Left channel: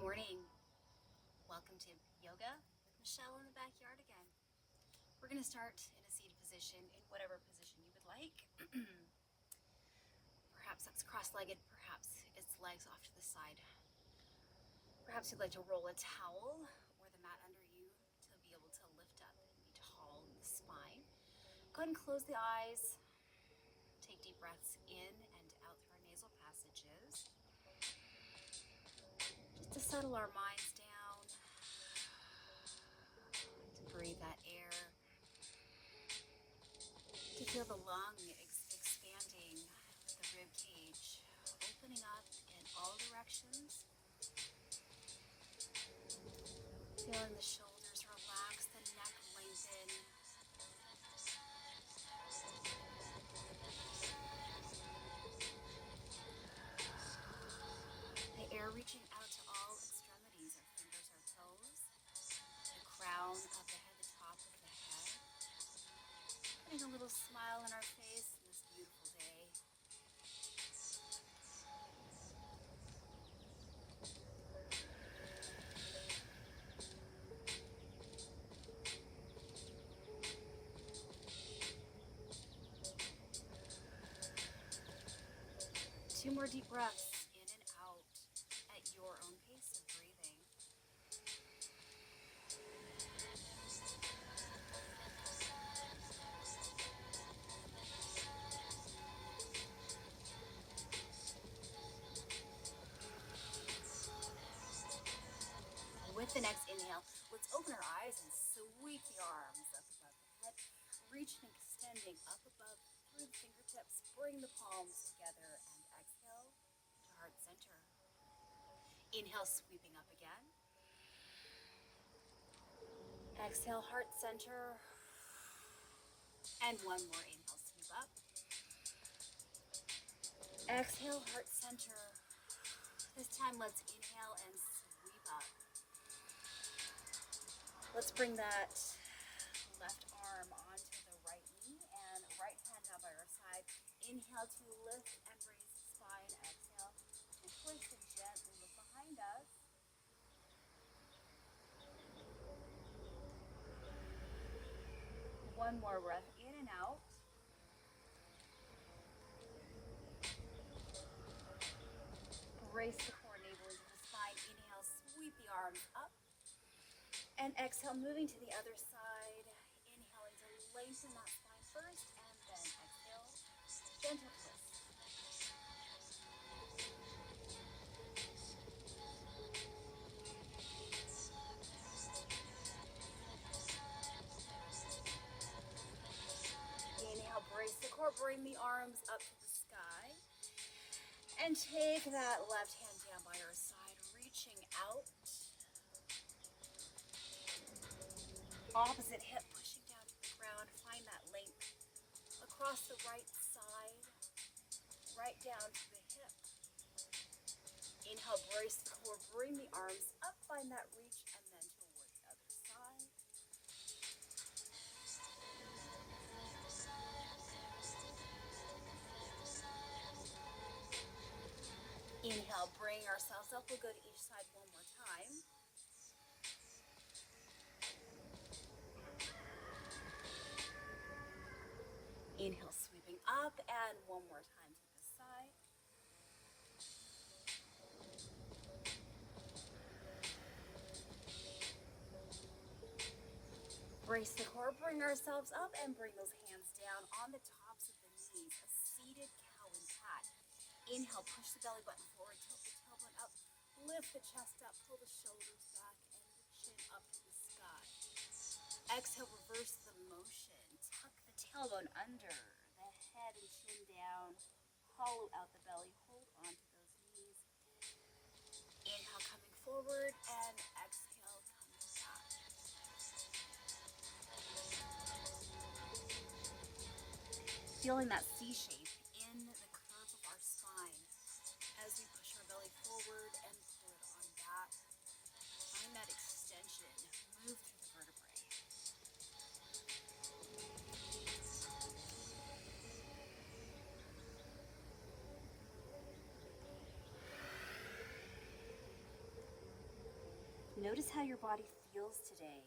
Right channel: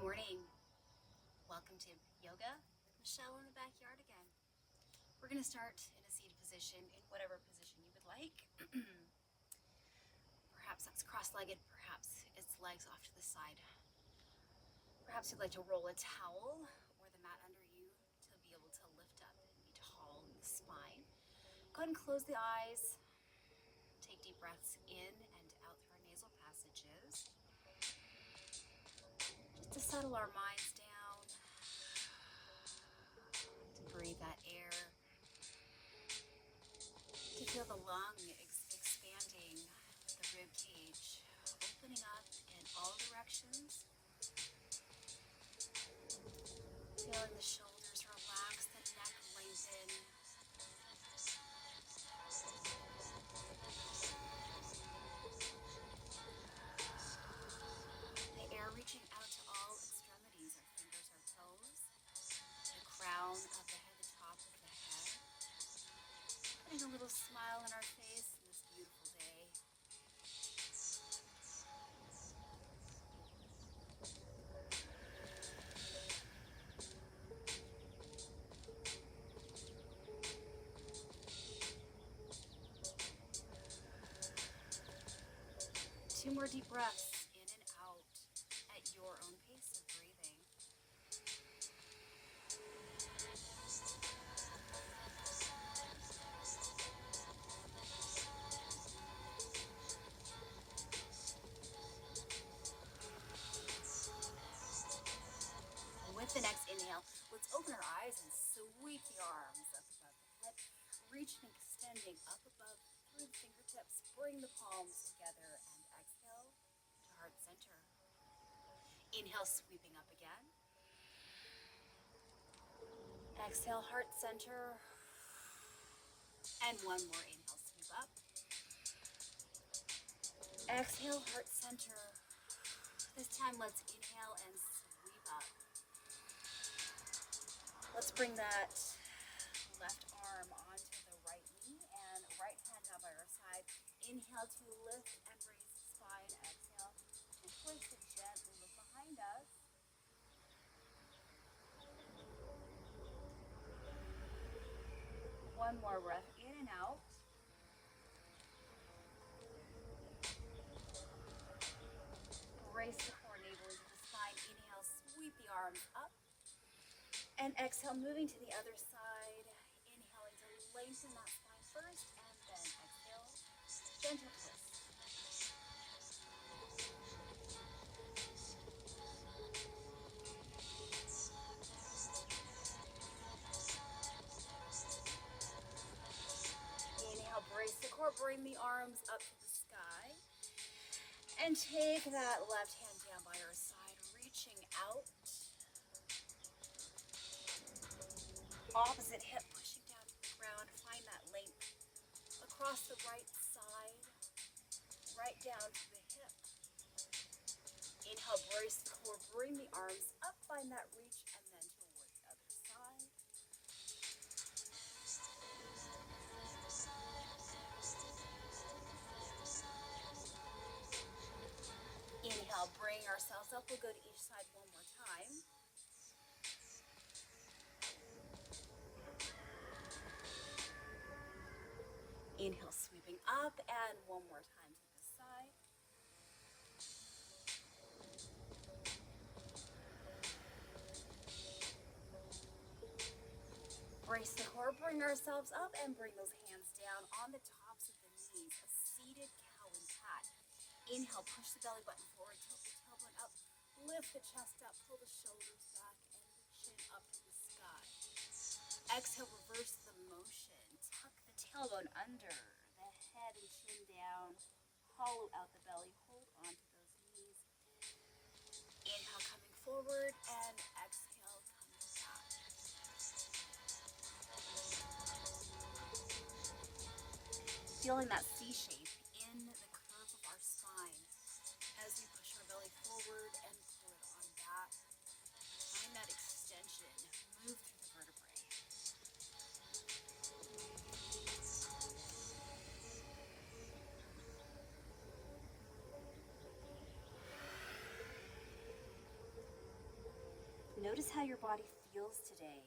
morning. Welcome to Yoga with Michelle in the backyard again. We're going to start in a seated position in whatever position you would like. Perhaps that's cross-legged, perhaps it's legs off to the side. Perhaps you'd like to roll a towel or the mat under you to be able to lift up and be tall in the spine. Go ahead and close the eyes. Take deep breaths in and out through our nasal passages. Just to settle our minds down, to breathe that air, to feel the lung expanding, the rib cage opening up in all directions. Feeling the shoulders relax, the neck lengthen. The air reaching out to all extremities, our fingers, our toes, the crown of the head, the top of the head. Putting a little smile on our face in this beautiful day. 2 more deep breaths in and out at your own pace of breathing. With the next inhale, let's open our eyes and sweep the arms up above the head, reaching and extending up above through the fingertips. Bring the palms together and exhale to heart center. Inhale, sweeping up again. Exhale, heart center. And one more inhale, sweep up. Exhale, heart center. This time, let's inhale and sweep up. Let's bring that left arm onto the right knee and right hand down by our side. Inhale to lift and raise the spine. Exhale to twist and gently look behind us. One more breath in and out. Brace the core, navel into the spine. Inhale, sweep the arms up. And exhale, moving to the other side. Inhaling to lengthen that spine first, and then exhale, gentle twist. Inhale, brace the core, bring the arms up to the sky. And take that left hand down by your side, reaching out. Opposite hip pushing down to the ground. Find that length across the right side, right down to the hip. Inhale, brace the core, bring the arms up, find that reach, and then toward the other side. Inhale, bring ourselves up. We'll go to each side one more time. Inhale, sweeping up, and one more time to this side. Brace the core, bring ourselves up, and bring those hands down on the tops of the knees, a seated cow and cat. Inhale, push the belly button forward, tilt the tailbone up, lift the chest up, pull the shoulders back, and the chin up to the sky. Exhale, reverse the motion. Tuck the tailbone under, the head and chin down, hollow out the belly, hold on to those knees. Inhale, coming forward, and exhale, coming back. Feeling that C shape in the curve of our spine as we push our belly forward and pull it on back. Find that extension, move through the vertebrae. Notice how your body feels today.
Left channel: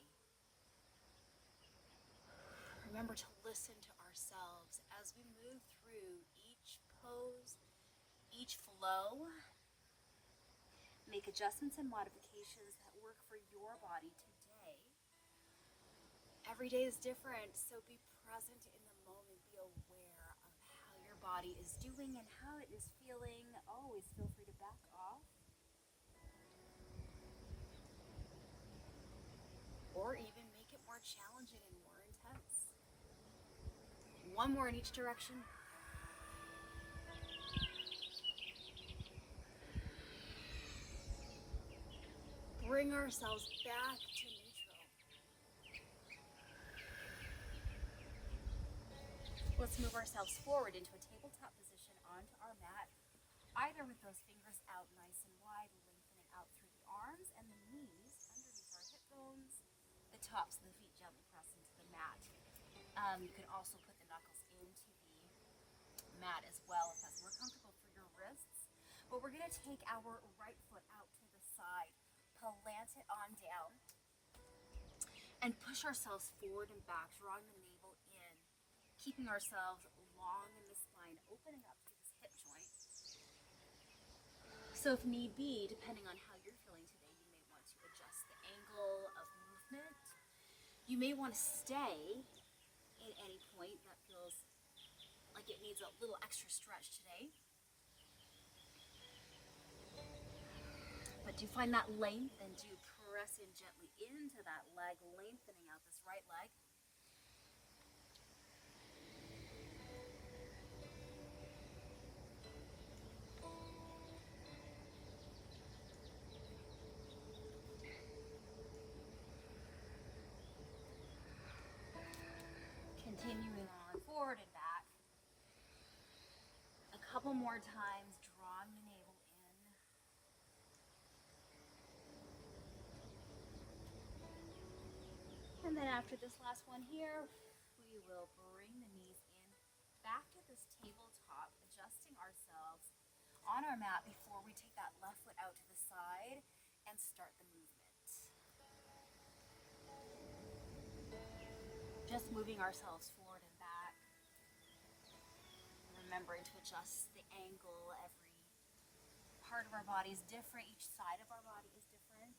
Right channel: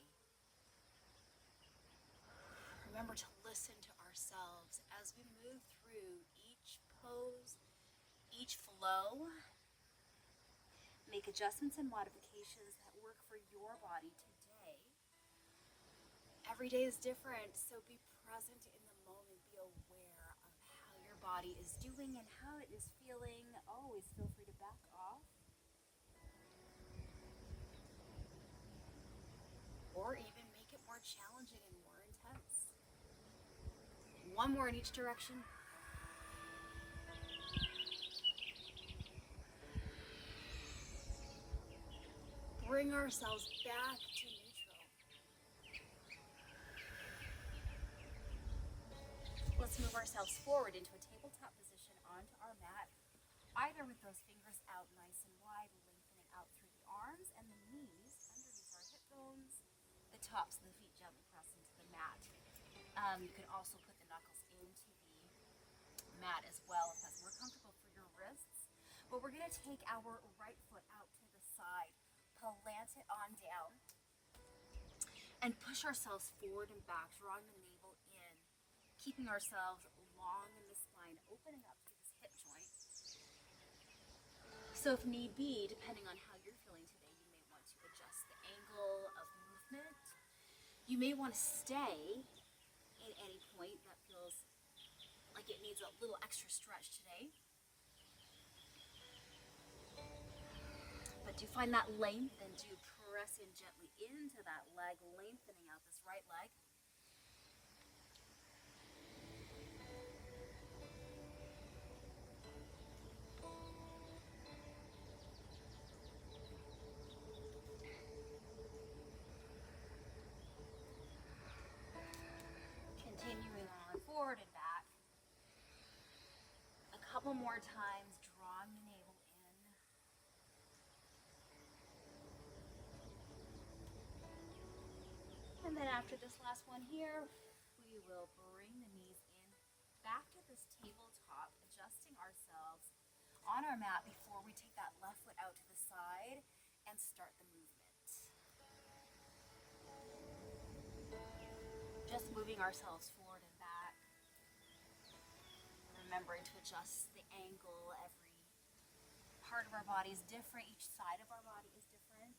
Remember to listen to ourselves as we move through each pose, each flow. Make adjustments and modifications that work for your body today. Every day is different, so be present in the moment. Be aware of how your body is doing and how it is feeling. Always feel free to back off. Or even make it more challenging and more intense. One more in each direction. Bring ourselves back to neutral. Let's move ourselves forward into a tabletop position onto our mat, either with those fingers out nice and wide, lengthening out through the arms and the knees underneath our hip bones, the tops of the feet gently press into the mat. You can also put the knuckles into the mat as well if that's more comfortable for your wrists. But we're going to take our right foot out to the side, plant it on down, and push ourselves forward and back, drawing the navel in, keeping ourselves long in the spine, opening up through this hip joint. So if need be, depending on how you're feeling today, you may want to adjust the angle of movement. You may want to stay at any point that feels like it needs a little extra stretch today. But do find that length and do press in gently into that leg, lengthening out this right leg. Continuing on forward and back. A couple more times, drawing the navel in. And then after this last one here, we will bring the knees in back to this tabletop, adjusting ourselves on our mat before we take that left foot out to the side and start the movement. Just moving ourselves forward and back. Remembering to adjust the angle. Every part of our body is different. Each side of our body is different.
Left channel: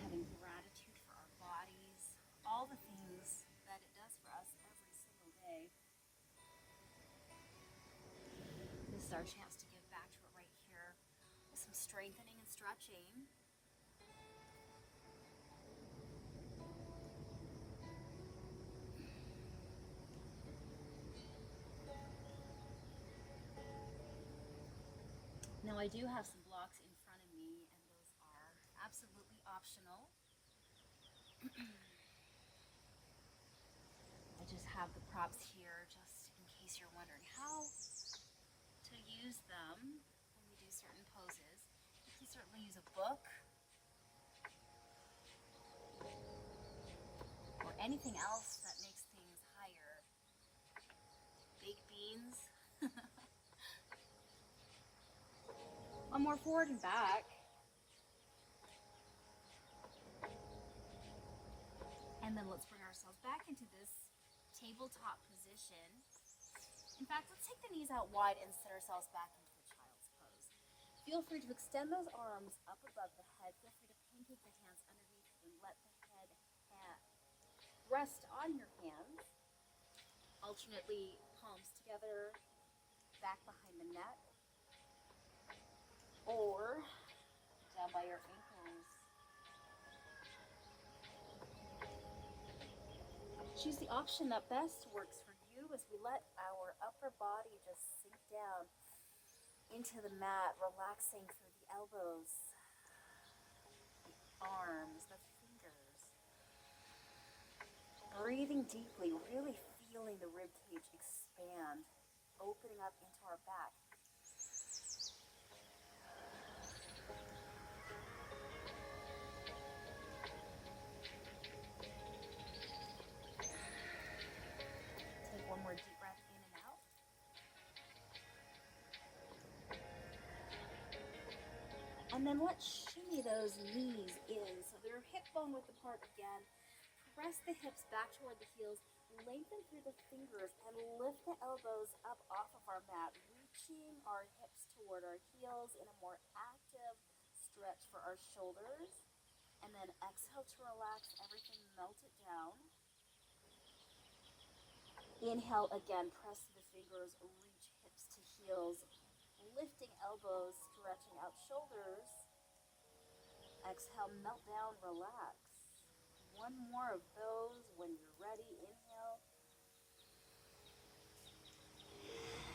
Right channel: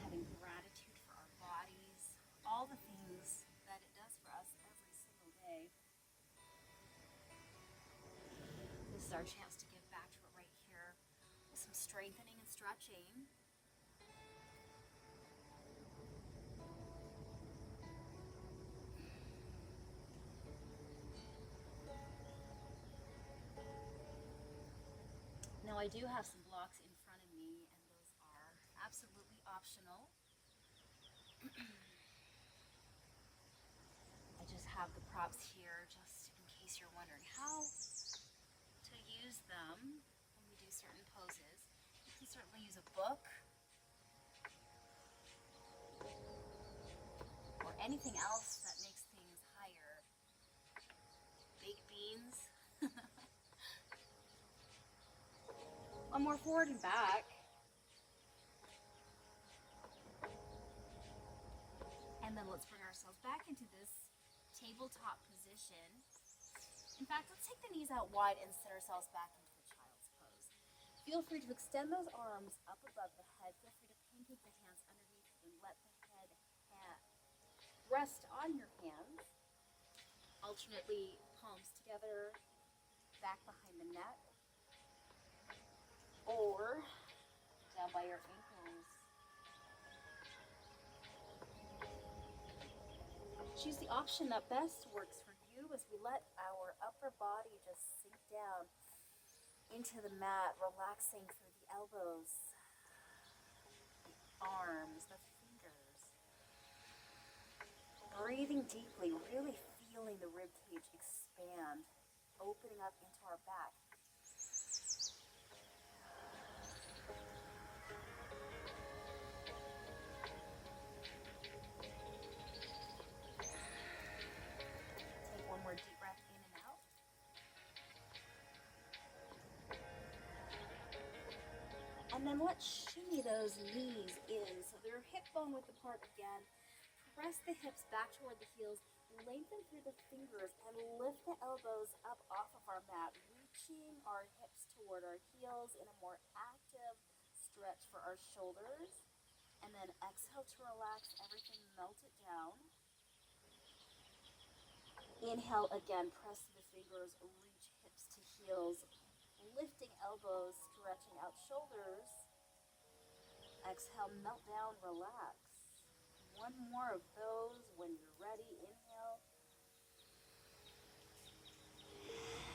Having gratitude for our bodies, all the things that it does for us every single day. This is our chance to give back to it right here with some strengthening and stretching. Now I do have some blocks in front of me, and those are absolutely optional. I just have the props here just in case you're wondering how to use them when we do certain poses. You can certainly use a book or anything else that makes things higher. Baked beans. One more forward and back. And then let's bring ourselves back into this tabletop position. In fact, let's take the knees out wide and sit ourselves back into the child's pose. Feel free to extend those arms up above the head. Feel free to pancake the hands underneath and let the head rest on your hands. Alternately, palms together, back behind the neck. Or down by your ankles. Choose the option that best works for you as we let our upper body just sink down into the mat, relaxing through the elbows, the arms, the fingers. Breathing deeply, really feeling the rib cage expand, opening up into our back. One more deep breath in and out. And then let's shimmy those knees in. So they're hip bone width apart again. Press the hips back toward the heels. Lengthen through the fingers and lift the elbows up off of our mat, reaching our hips toward our heels in a more active stretch for our shoulders. And then exhale to relax everything, melt it down. Inhale again, press the fingers, reach hips to heels, lifting elbows, stretching out shoulders. Exhale, melt down, relax. One more of those when you're ready. Inhale.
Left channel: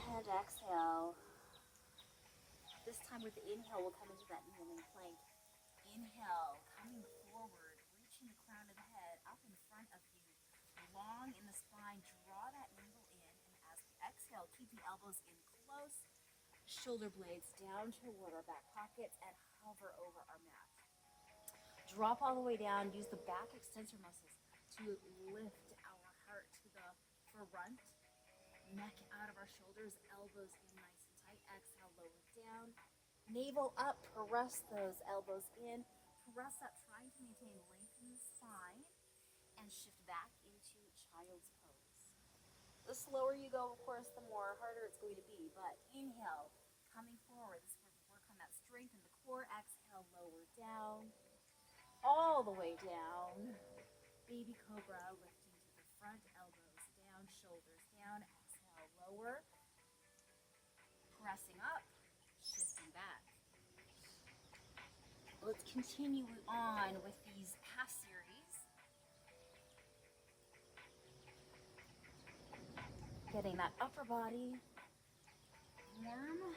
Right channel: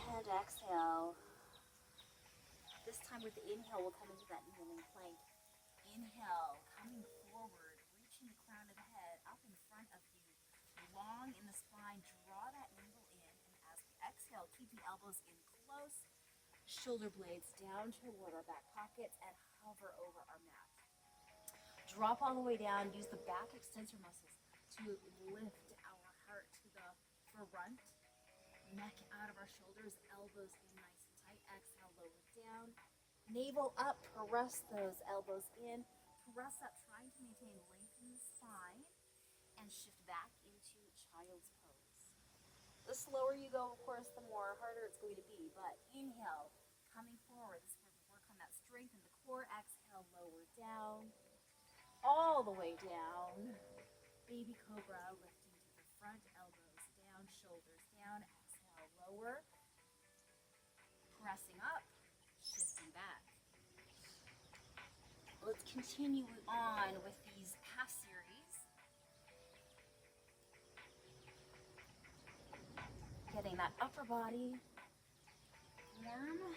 And exhale. This time with the inhale, we'll come into that kneeling plank. Inhale, coming forward, reaching the crown of the head up in front of you. Long in the spine, draw that navel in. And as we exhale, keep the elbows in close. Shoulder blades down toward our back pockets and hover over our mat. Drop all the way down. Use the back extensor muscles to lift our heart to the front. Neck out of our shoulders, elbows in nice and tight. Exhale, lower down. Navel up, press those elbows in. Press up, trying to maintain length in the spine. And shift back into child's pose. The slower you go, of course, the more harder it's going to be. But inhale, coming forward. This is where we work on that strength in the core. Exhale, lower down. All the way down. Baby cobra, lifting to the front, elbows down, shoulders down. Exhale, lower. Pressing up, shifting back. Let's continue on with these half series. Getting that upper body warm.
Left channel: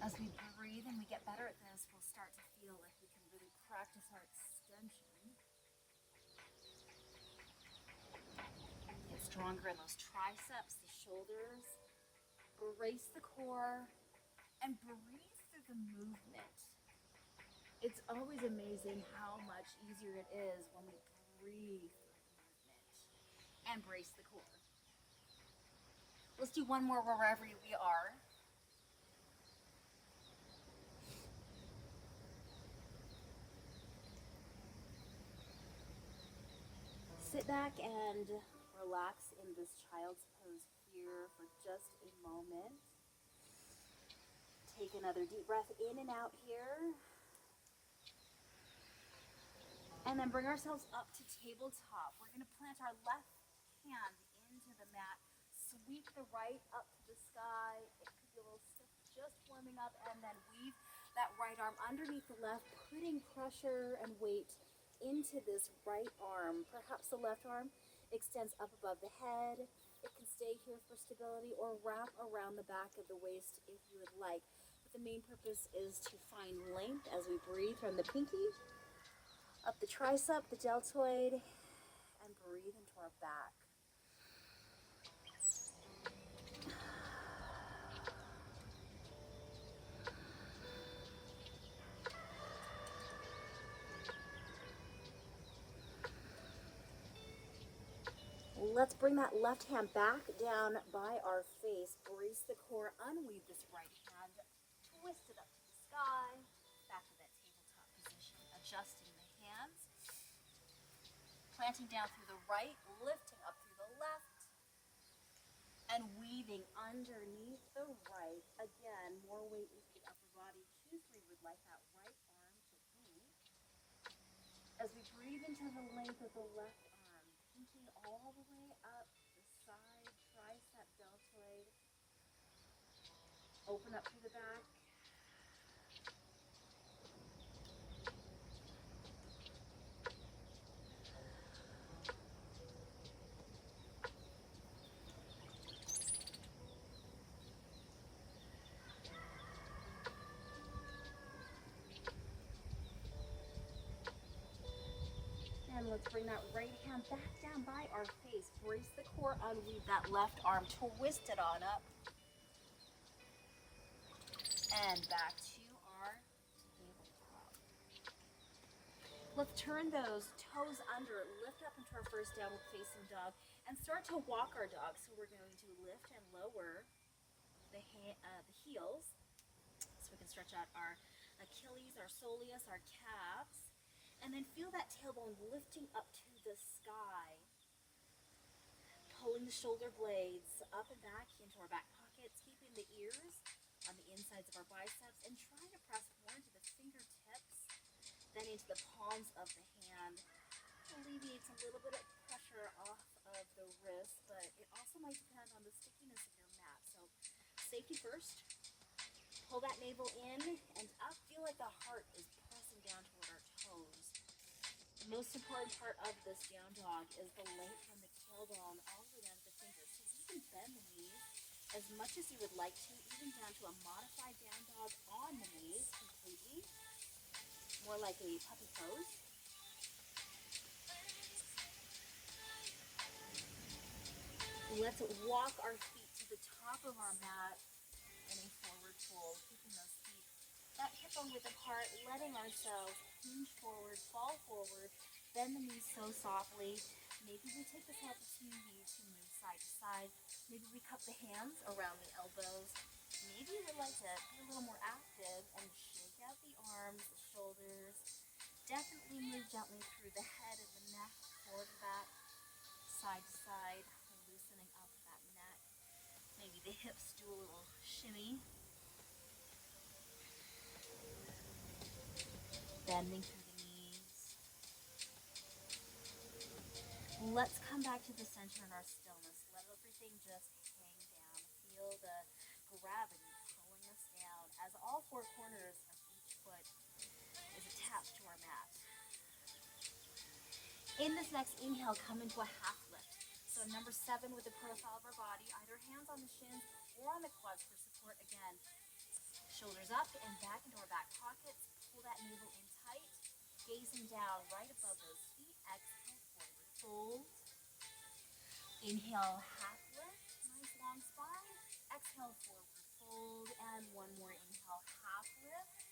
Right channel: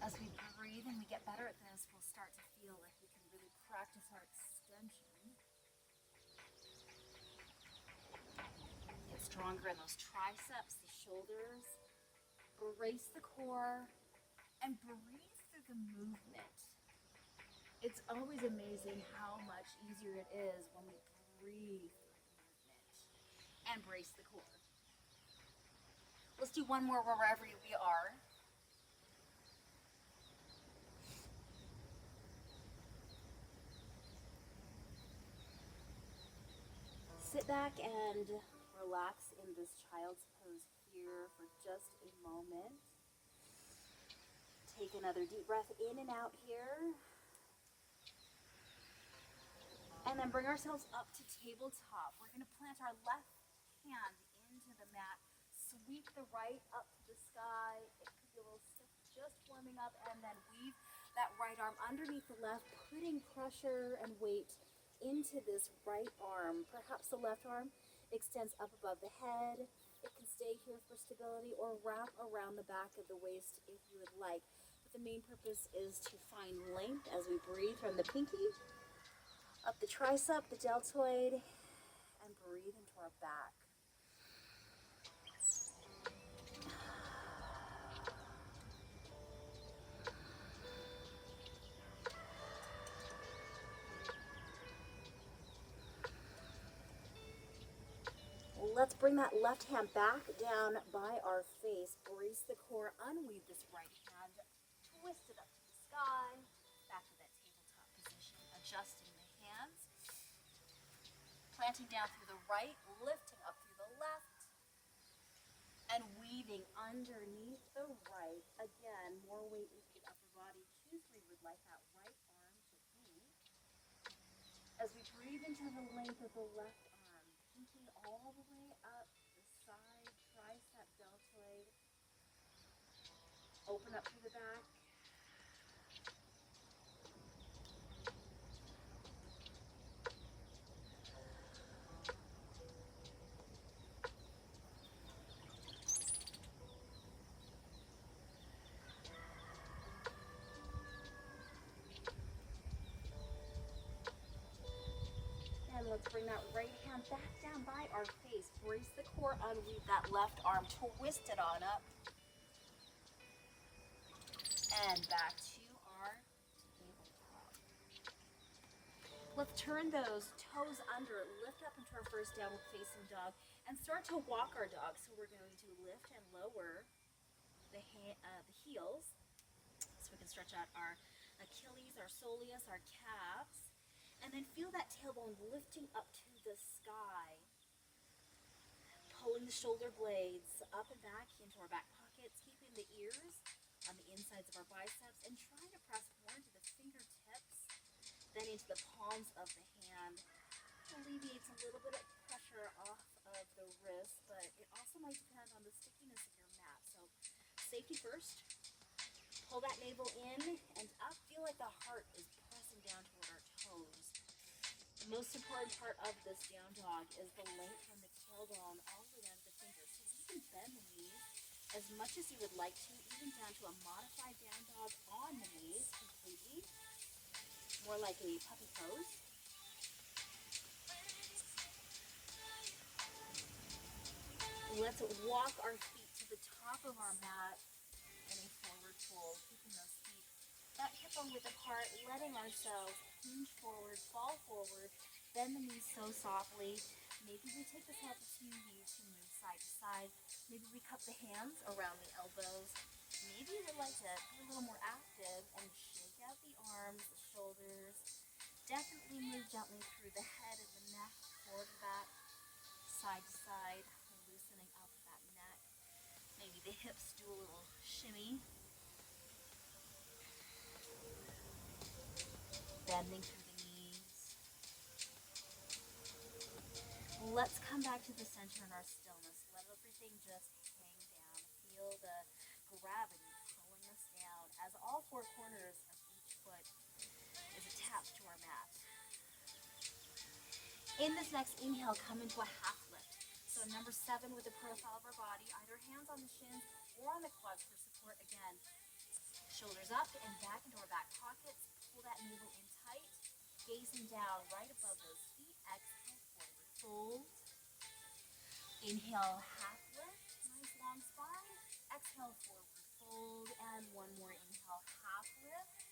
As we breathe and we get better at this, we'll start to feel like we can really practice our extension. Get stronger in those triceps, the shoulders. Brace the core and breathe through the movement. It's always amazing how much easier it is when we breathe through the movement. And brace the core. Let's do one more wherever we are. Sit back and relax in this child's pose here for just a moment. Take another deep breath in and out here. And then bring ourselves up to tabletop. We're going to plant our left hand into the mat. Sweep the right up to the sky. It could be a little stiff, just warming up. And then weave that right arm underneath the left, putting pressure and weight into this right arm. Perhaps the left arm extends up above the head. It can stay here for stability or wrap around the back of the waist if you would like. But the main purpose is to find length as we breathe from the pinky up the tricep, the deltoid, and breathe into our back. Let's bring that left hand back down by our face. Brace the core, unweave this right hand, twist it up to the sky, back to that tabletop position, adjusting the hands, planting down through the right, lifting up through the left, and weaving underneath the right. Again, more weight into the upper body. Choose where you would like that right arm to be. As we breathe into the length of the left arm, pinky all the way up the side, tricep, deltoid. Open up to the back. And let's bring that right hand back down by our face. Brace the core, unweave that left arm, twist it on up. And back to our tabletop. Let's turn those toes under, lift up into our first downward facing dog, and start to walk our dog. So we're going to lift and lower the heels. stretch out our Achilles, our soleus, our calves. And then feel that tailbone lifting up to the sky. Pulling the shoulder blades up and back into our back pockets, keeping the ears on the insides of our biceps, and trying to press more into the fingertips, then into the palms of the hand. Alleviates a little bit of pressure off of the wrist, but it also might depend on the stickiness of your mat. So safety first. Pull that navel in and up. Feel like the heart is pressing down toward our toes. The most important part of this down dog is the length from the tailbone all the way down to the fingers. So you can bend the knees as much as you would like to, even down to a modified down dog on the knees completely. More like a puppy pose. Let's walk our feet to the top of our mat in a forward fold, keeping those feet not hip bone width apart, letting ourselves hinge forward, fall forward, bend the knees so softly. Maybe we take this opportunity to move side to side. Maybe we cup the hands around the elbows. Maybe you would like to be a little more active and shake out the arms, the shoulders. Definitely move gently through the head and the neck, forward and back, side to side, loosening up that neck. Maybe the hips do a little shimmy. Bending through the knees. Let's come back to the center in our stillness. Let everything just hang down. Feel the gravity pulling us down as all four corners of each foot is attached to our mat. In this next inhale, come into a half lift. So number 7 with the profile of our body, either hands on the shins or on the quads for support again. Shoulders up and back into our back pockets. Pull that navel in tight, gazing down right above those feet. Exhale, forward fold. Inhale, half lift, nice long spine. Exhale, forward fold, and one more inhale, half lift.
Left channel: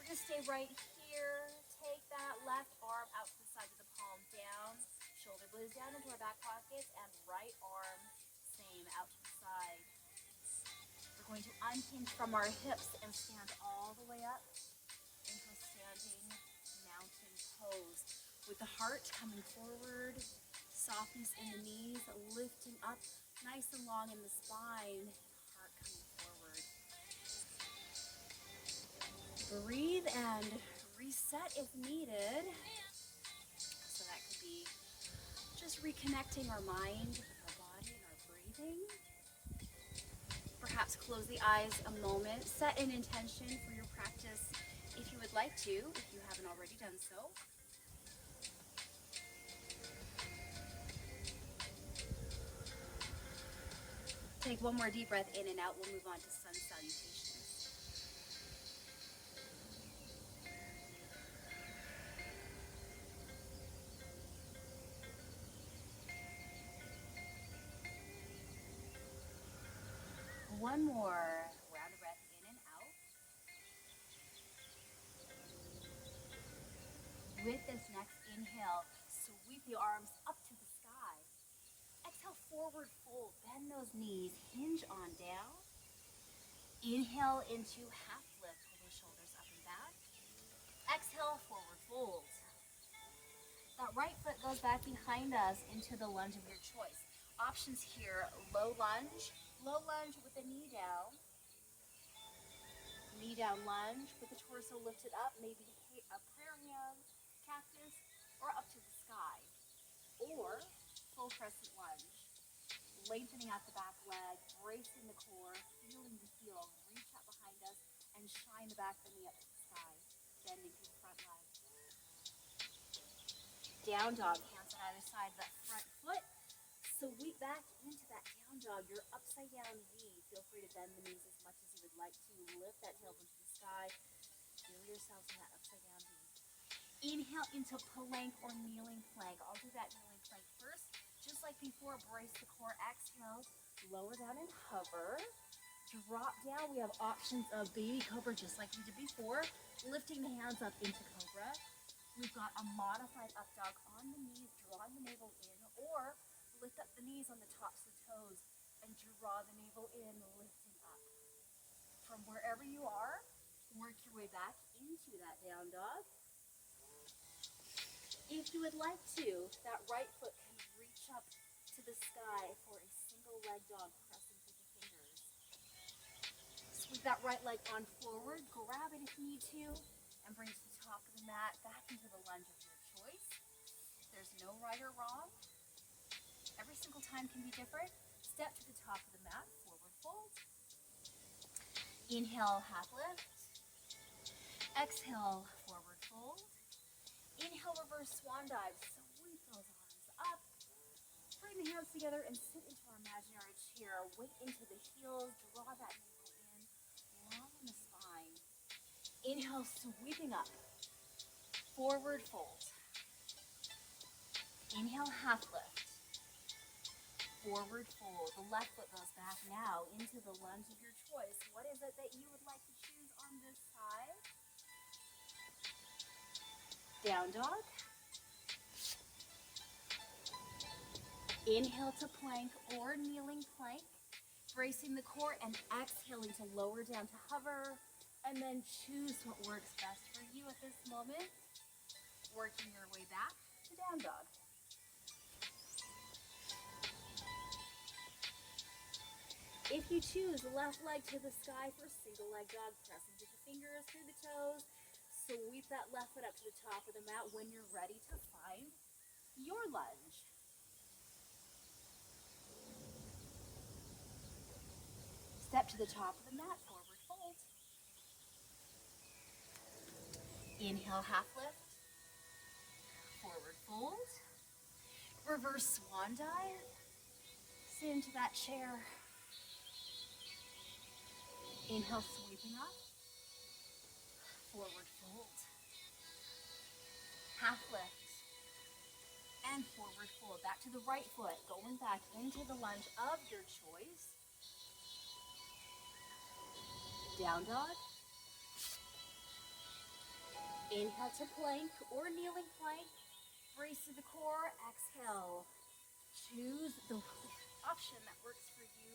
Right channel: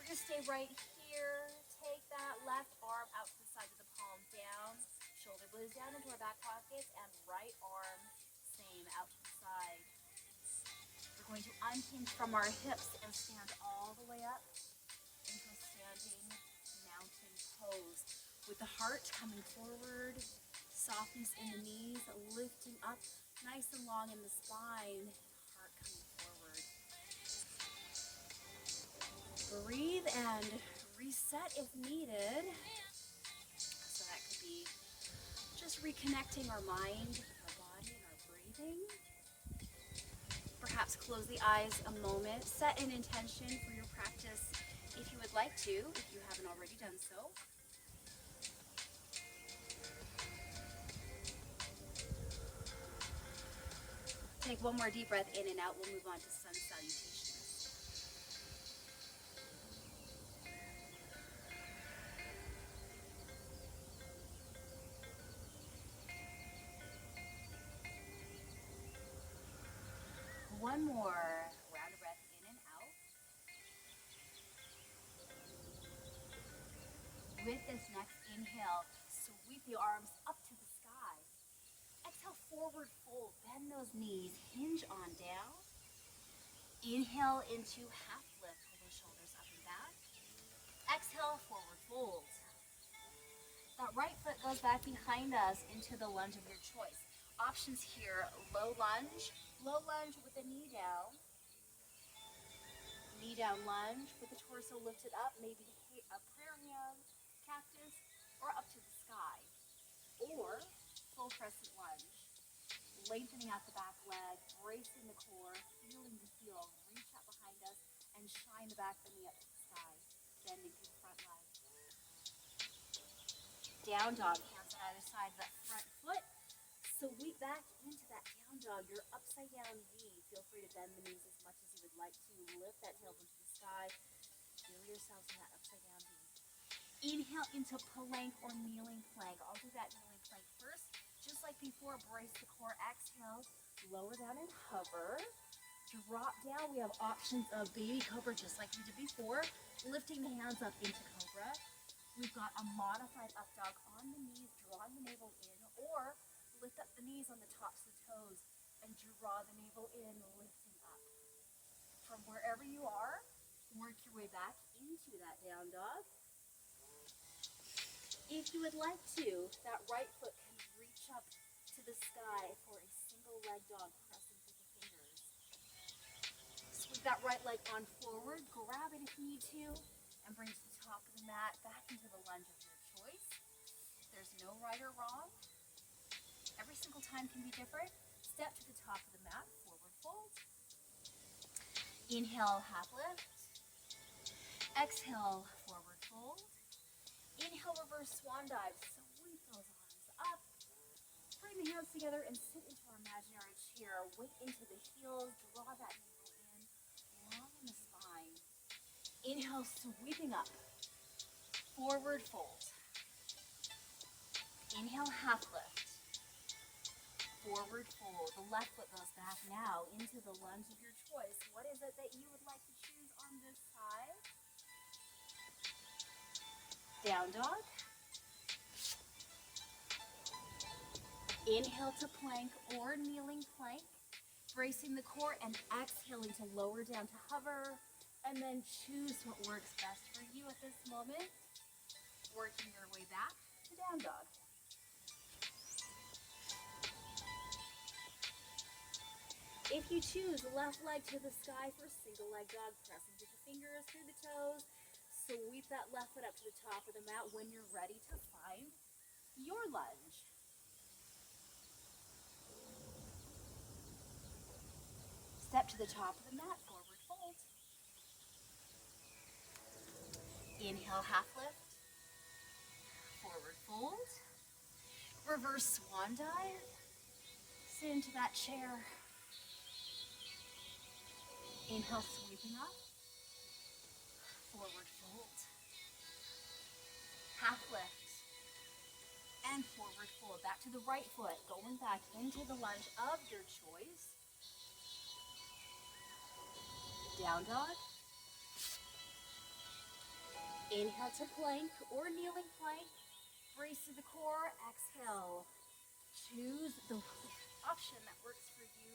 We're gonna stay right here. Take that left arm out to the side with the palm down. Shoulder blades down into our back pockets, and right arm, same, out to the side. We're going to unhinge from our hips and stand all the way up into a standing mountain pose. With the heart coming forward, softness in the knees, lifting up nice and long in the spine, heart coming forward. Breathe and reset if needed. So that could be just reconnecting our mind, our body, and our breathing. Perhaps close the eyes a moment. Set an intention for your practice if you would like to, if you haven't already done so. Take one more deep breath in and out. We'll move on to sun salutations. One more round of breath in and out. With this next inhale, sweep the arms up to the sky. Exhale, forward fold. Bend those knees, hinge on down. Inhale into half lift. Pull those shoulders up and back. Exhale, forward fold. That right foot goes back behind us into the lunge of your choice. Options here, low lunge with the knee down lunge with the torso lifted up, maybe a prayer hand, cactus, or up to the sky. Or full crescent lunge, lengthening out the back leg, bracing the core, feeling the heel, reach out behind us, and shine the back of the knee up to the sky, bending through the front leg. Down dog, hands on either side of that front foot. Sweep back into that down dog, your upside down V. Feel free to bend the knees as much as you would like to. Lift that tailbone to the sky. Feel yourselves in that upside down V. Inhale into plank or kneeling plank. I'll do that kneeling plank first. Just like before, brace the core. Exhale, lower down and hover. Drop down. We have options of baby cobra, just like we did before. Lifting the hands up into cobra. We've got a modified up dog on the knees, drawing the navel in, or lift up the knees on the tops of the toes and draw the navel in, lifting up. From wherever you are, Work your way back into that down dog. If you would like to, that right foot can reach up to the sky for a single leg dog, pressing through the fingers. Sweep that right leg on forward, grab it if you need to, and bring to the top of the mat, back into the lunge of your choice. There's no right or wrong. Every single time can be different. Step to the top of the mat, forward fold. Inhale, half lift. Exhale, forward fold. Inhale, reverse swan dive. Sweep those arms up. Bring the hands together and sit into our imaginary chair. Weight into the heels. Draw that navel in. Lengthen the spine. Inhale, sweeping up. Forward fold. Inhale, half lift. Forward fold. The left foot goes back now into the lunge of your choice. What is it that you would like to choose on this side? Down dog. Inhale to plank or kneeling plank, bracing the core and exhaling to lower down to hover, and then choose what works best for you at this moment, working your way back to down dog. If you choose, left leg to the sky for single leg dog, pressing through the fingers, through the toes. Sweep that left foot up to the top of the mat when you're ready to find your lunge. Step to the top of the mat, forward fold. Inhale, half lift. Forward fold. Reverse swan dive. Sit into that chair. Inhale, sweeping up. Forward fold. Half lift. And forward fold. Back to the right foot. Going back into the lunge of your choice. Down dog. Inhale to plank or kneeling plank. Brace to the core. Exhale. Choose the option that works for you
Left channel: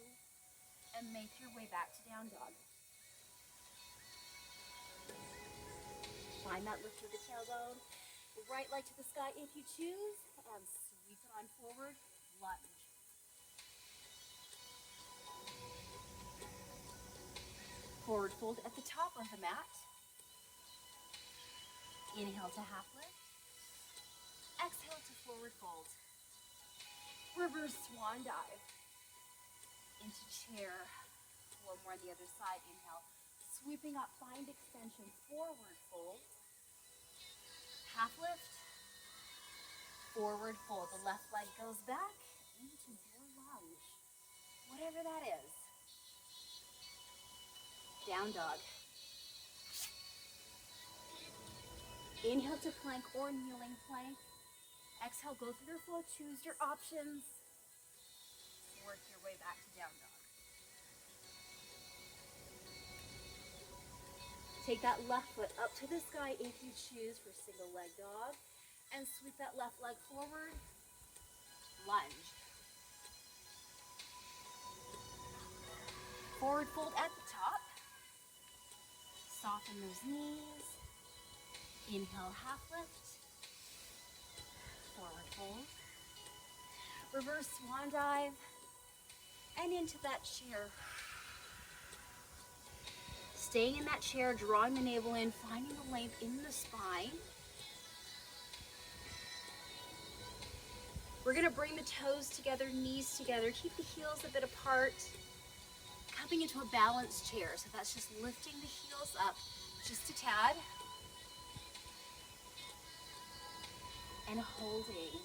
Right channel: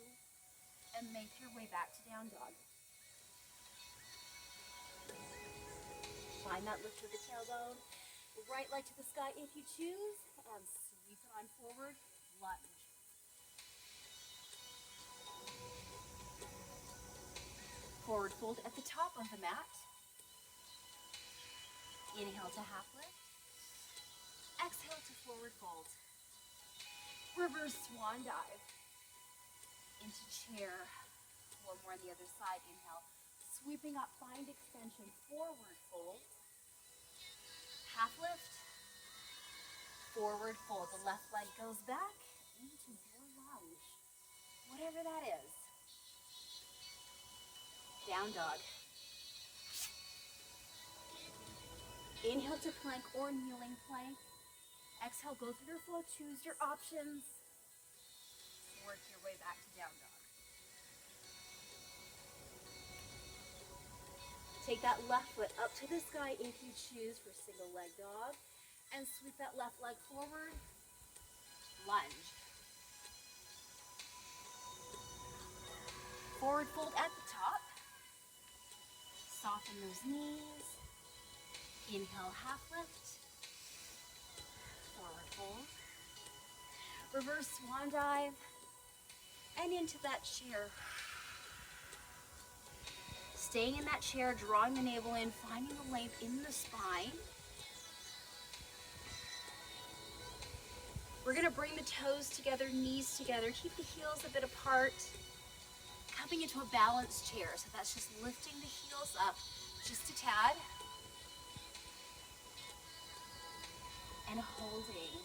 and make your way back to down dog. Find that lift of the tailbone. Right leg to the sky if you choose, and sweep it on forward, lunge. Forward fold at the top of the mat. Inhale to half lift. Exhale to forward fold. Reverse swan dive. Into chair. One more on the other side. Inhale. Sweeping up, find extension. Forward fold. Half lift. Forward fold. The left leg goes back into your lunge. Whatever that is. Down dog. Inhale to plank or kneeling plank. Exhale, go through your flow. Choose your options. Work your way back to down dog. Take that left foot up to the sky if you choose for single leg dog. And sweep that left leg forward. Lunge. Forward fold at the top. Soften those knees. Inhale, half lift. Forward fold. Reverse swan dive. And into that chair. Staying in that chair, drawing the navel in, finding the length in the spine. We're gonna bring the toes together, knees together, keep the heels a bit apart. Coming into a balanced chair, so that's just lifting the heels up just a tad. And holding.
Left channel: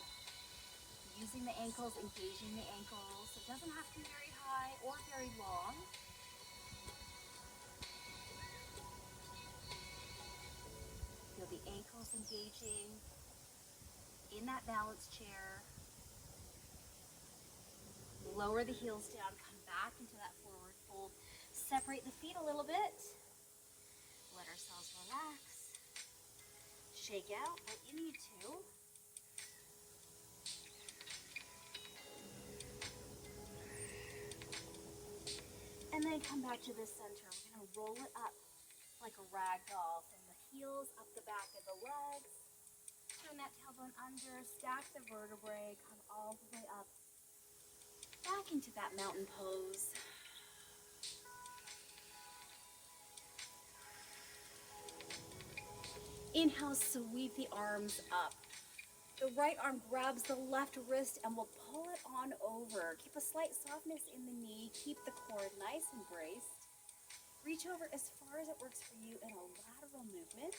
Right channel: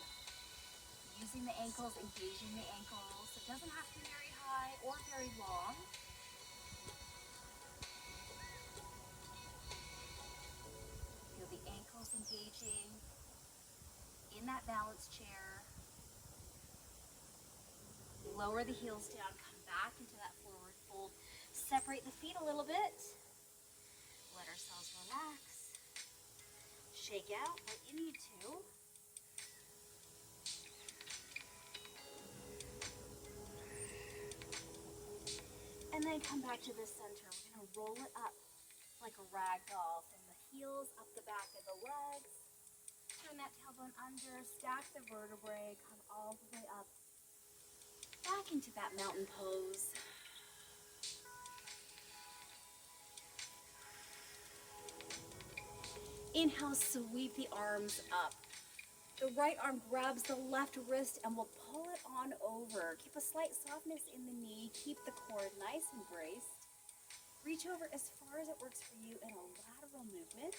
Using the ankles, engaging the ankles. It doesn't have to be very high or very long. Feel the ankles engaging in that balanced chair. Lower the heels down, come back into that forward fold. Separate the feet a little bit. Let ourselves relax. Shake out what you need to. And then come back to the center. We're gonna roll it up like a rag doll from the heels up the back of the legs. Turn that tailbone under, stack the vertebrae, come all the way up, back into that mountain pose. Inhale, sweep the arms up. The right arm grabs the left wrist and we'll pull it on over. Keep a slight softness in the knee. Keep the core nice and braced. Reach over as far as it works for you in a lateral movement.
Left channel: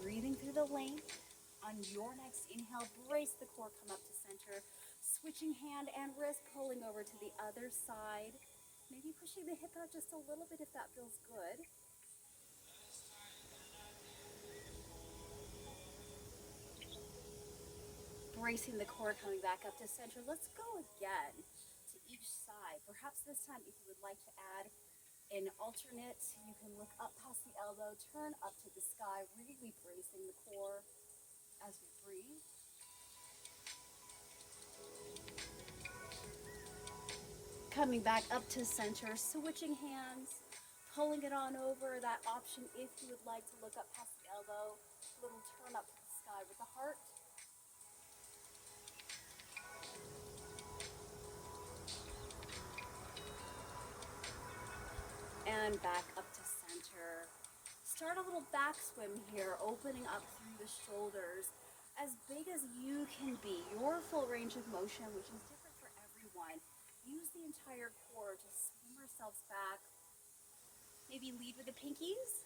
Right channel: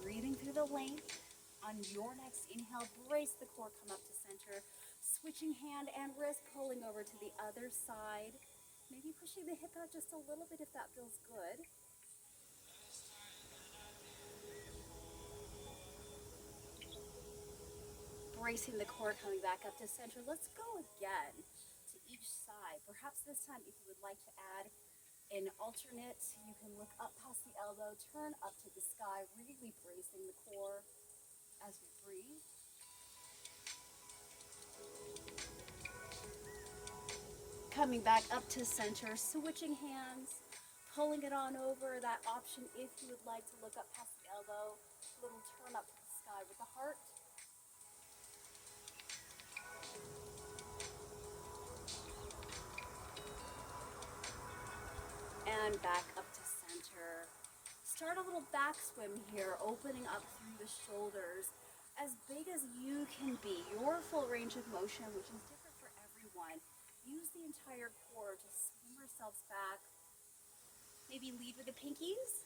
Breathing through the length. On your next inhale, brace the core, come up to center. Switching hand and wrist, pulling over to the other side. Maybe pushing the hip out just a little bit if that feels good. Bracing the core, coming back up to center. Let's go again to each side. Perhaps this time, if you would like to add an alternate, you can look up past the elbow, turn up to the sky, really bracing the core as we breathe. Coming back up to center, switching hands, pulling it on over. That option if you would like to look up past the elbow, little turn up to the sky with the heart. And back up to center. Start a little back swim here, opening up through the shoulders, as big as you can be. Your full range of motion, which is different for everyone. Use the entire core to swim ourselves back. Maybe lead with the pinkies.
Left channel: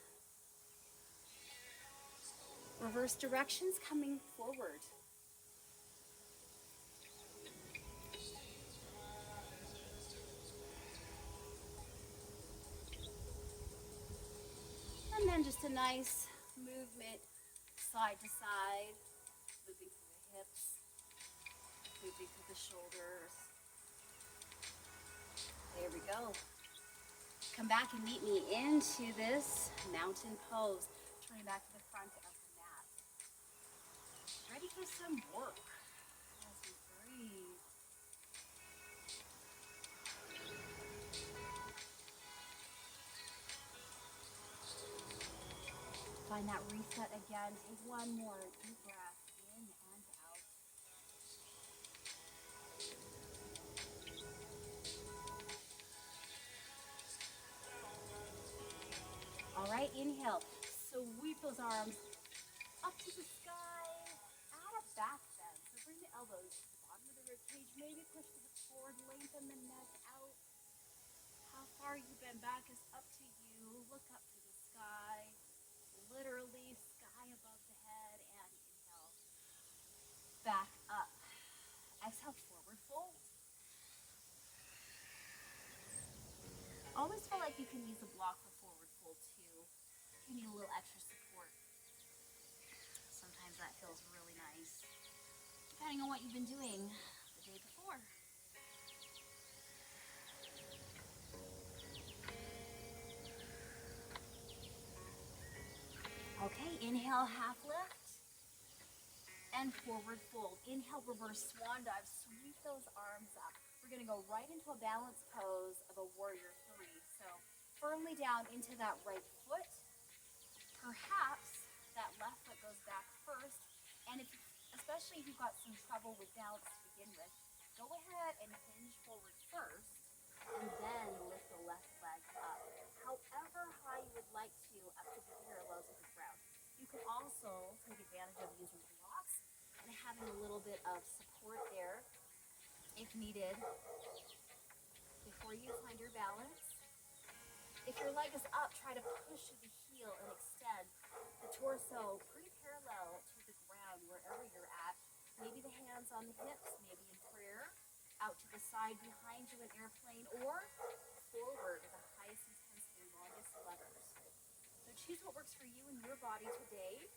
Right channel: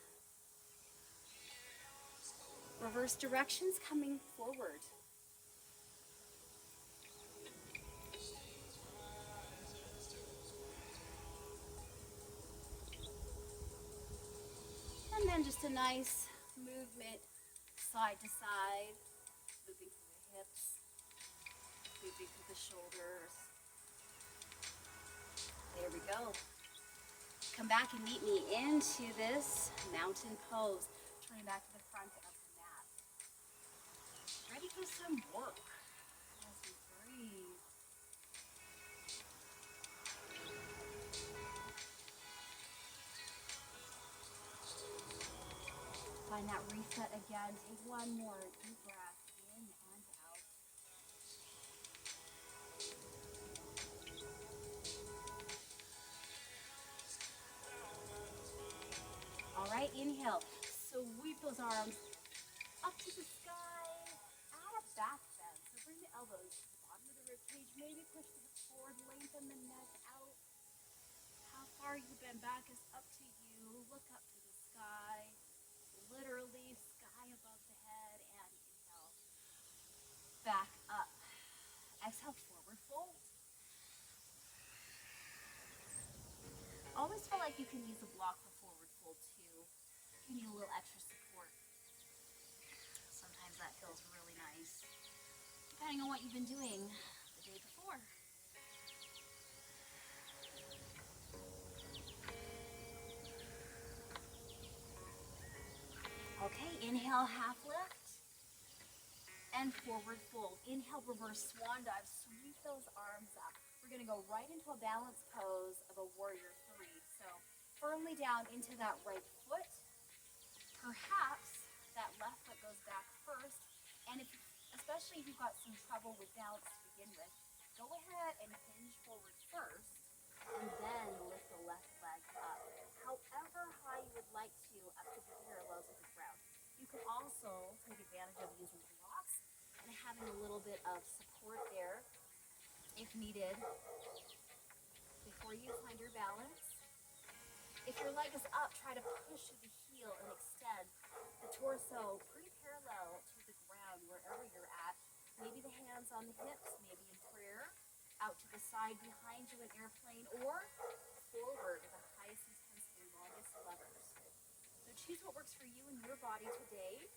Reverse directions, coming forward. And then just a nice movement side to side, looping through the hips, looping through the shoulders. There we go. Come back and meet me into this mountain pose. Turning back to the front of the mat. Ready for some work as we breathe. Find that reset again. Take one more deep breath in and out. All right, inhale. Sweep those arms up to the sky. Add a back bend. So bring the elbows to the bottom of the rib cage. Maybe push the hips forward, lengthen the neck out. How far you bend back is up to you. Look up to the sky. Literally sky above the head, and inhale, back up. Exhale, forward fold. Always feel like you can use a block for forward fold too. You need a little extra support. Sometimes that feels really nice, depending on what you've been doing the day before. Okay, inhale, half lift, and forward fold. Inhale, reverse swan dive, sweep those arms up. We're gonna go right into a balanced pose of a warrior three. So firmly down into that right foot. Perhaps that left foot goes back first. And especially if you've got some trouble with balance to begin with, go ahead and hinge forward first, and then lift the left leg up. However high you would like to, up to the parallel to the ground. You can also take advantage of using blocks and having a little bit of support there if needed before you find your balance. If your leg is up, try to push through the heel and extend the torso pretty parallel to the ground wherever you're at. Maybe the hands on the hips, maybe in prayer, out to the side behind you in airplane, or forward to the highest intensity, longest levers. So choose what works for you and your body today.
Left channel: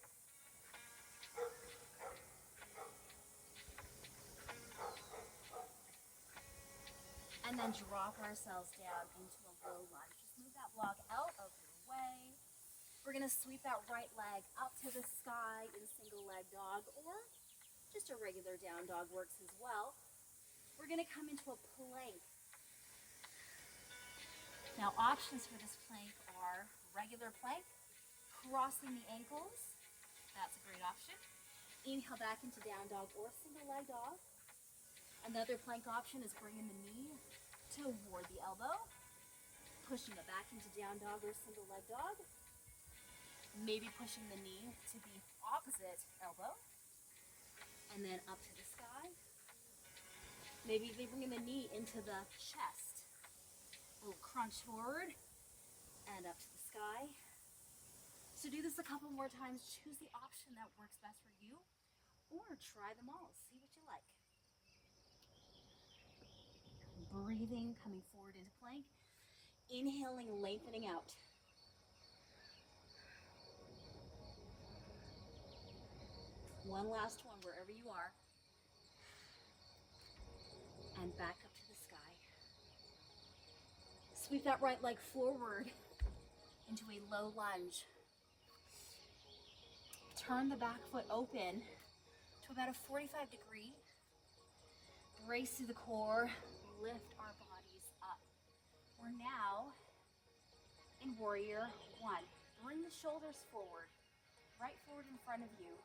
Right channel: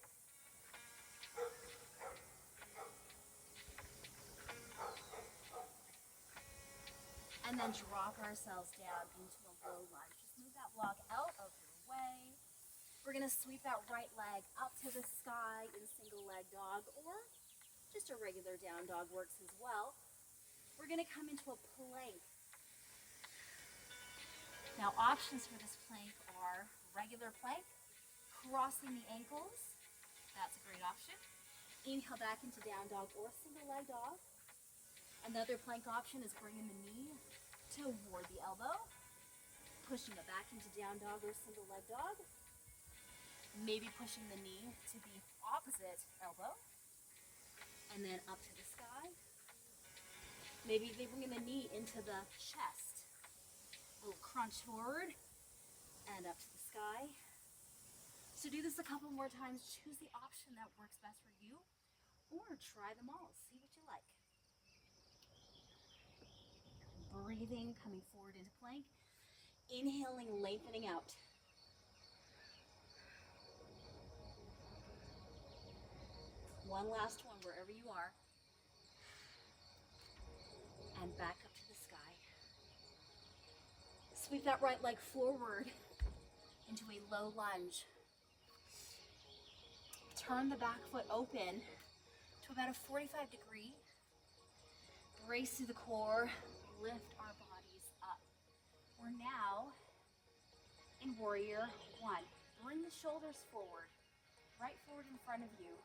And then drop ourselves down into a low lunge. Just move that block out of your way. We're gonna sweep that right leg up to the sky in single leg dog, or just a regular down dog works as well. We're gonna come into a plank. Now options for this plank are regular plank, crossing the ankles. That's a great option. Inhale back into down dog or single leg dog. Another plank option is bringing the knee toward the elbow, pushing it back into down dog or single leg dog. Maybe pushing the knee to the opposite elbow and then up to the sky. Maybe they bring the knee into the chest. A little crunch forward and up to the sky. So do this a couple more times. Choose the option that works best for you, or try them all. See what you like. Breathing, coming forward into plank. Inhaling, lengthening out. One last one wherever you are. And back up to the sky. Sweep that right leg forward into a low lunge. Turn the back foot open to about a 45-degree. Brace through the core, lift our bodies up. We're now in warrior one. Bring the shoulders forward, right forward in front of you.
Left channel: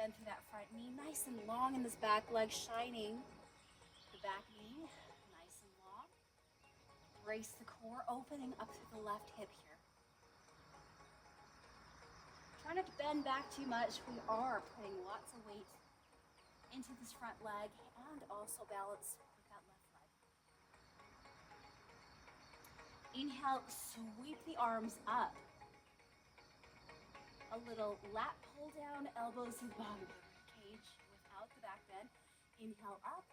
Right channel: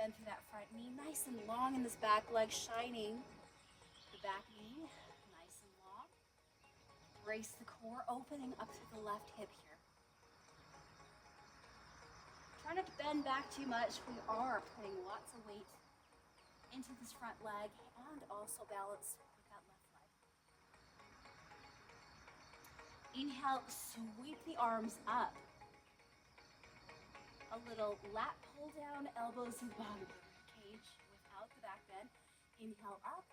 Bend through that front knee, nice and long in this back leg, shining the back knee, nice and long. Brace the core, opening up through the left hip here. Try not to bend back too much. We are putting lots of weight into this front leg and also balance with that left leg. Inhale, sweep the arms up. A little lat pull down, elbows to the bottom of the rib cage without the back bend. Inhale up,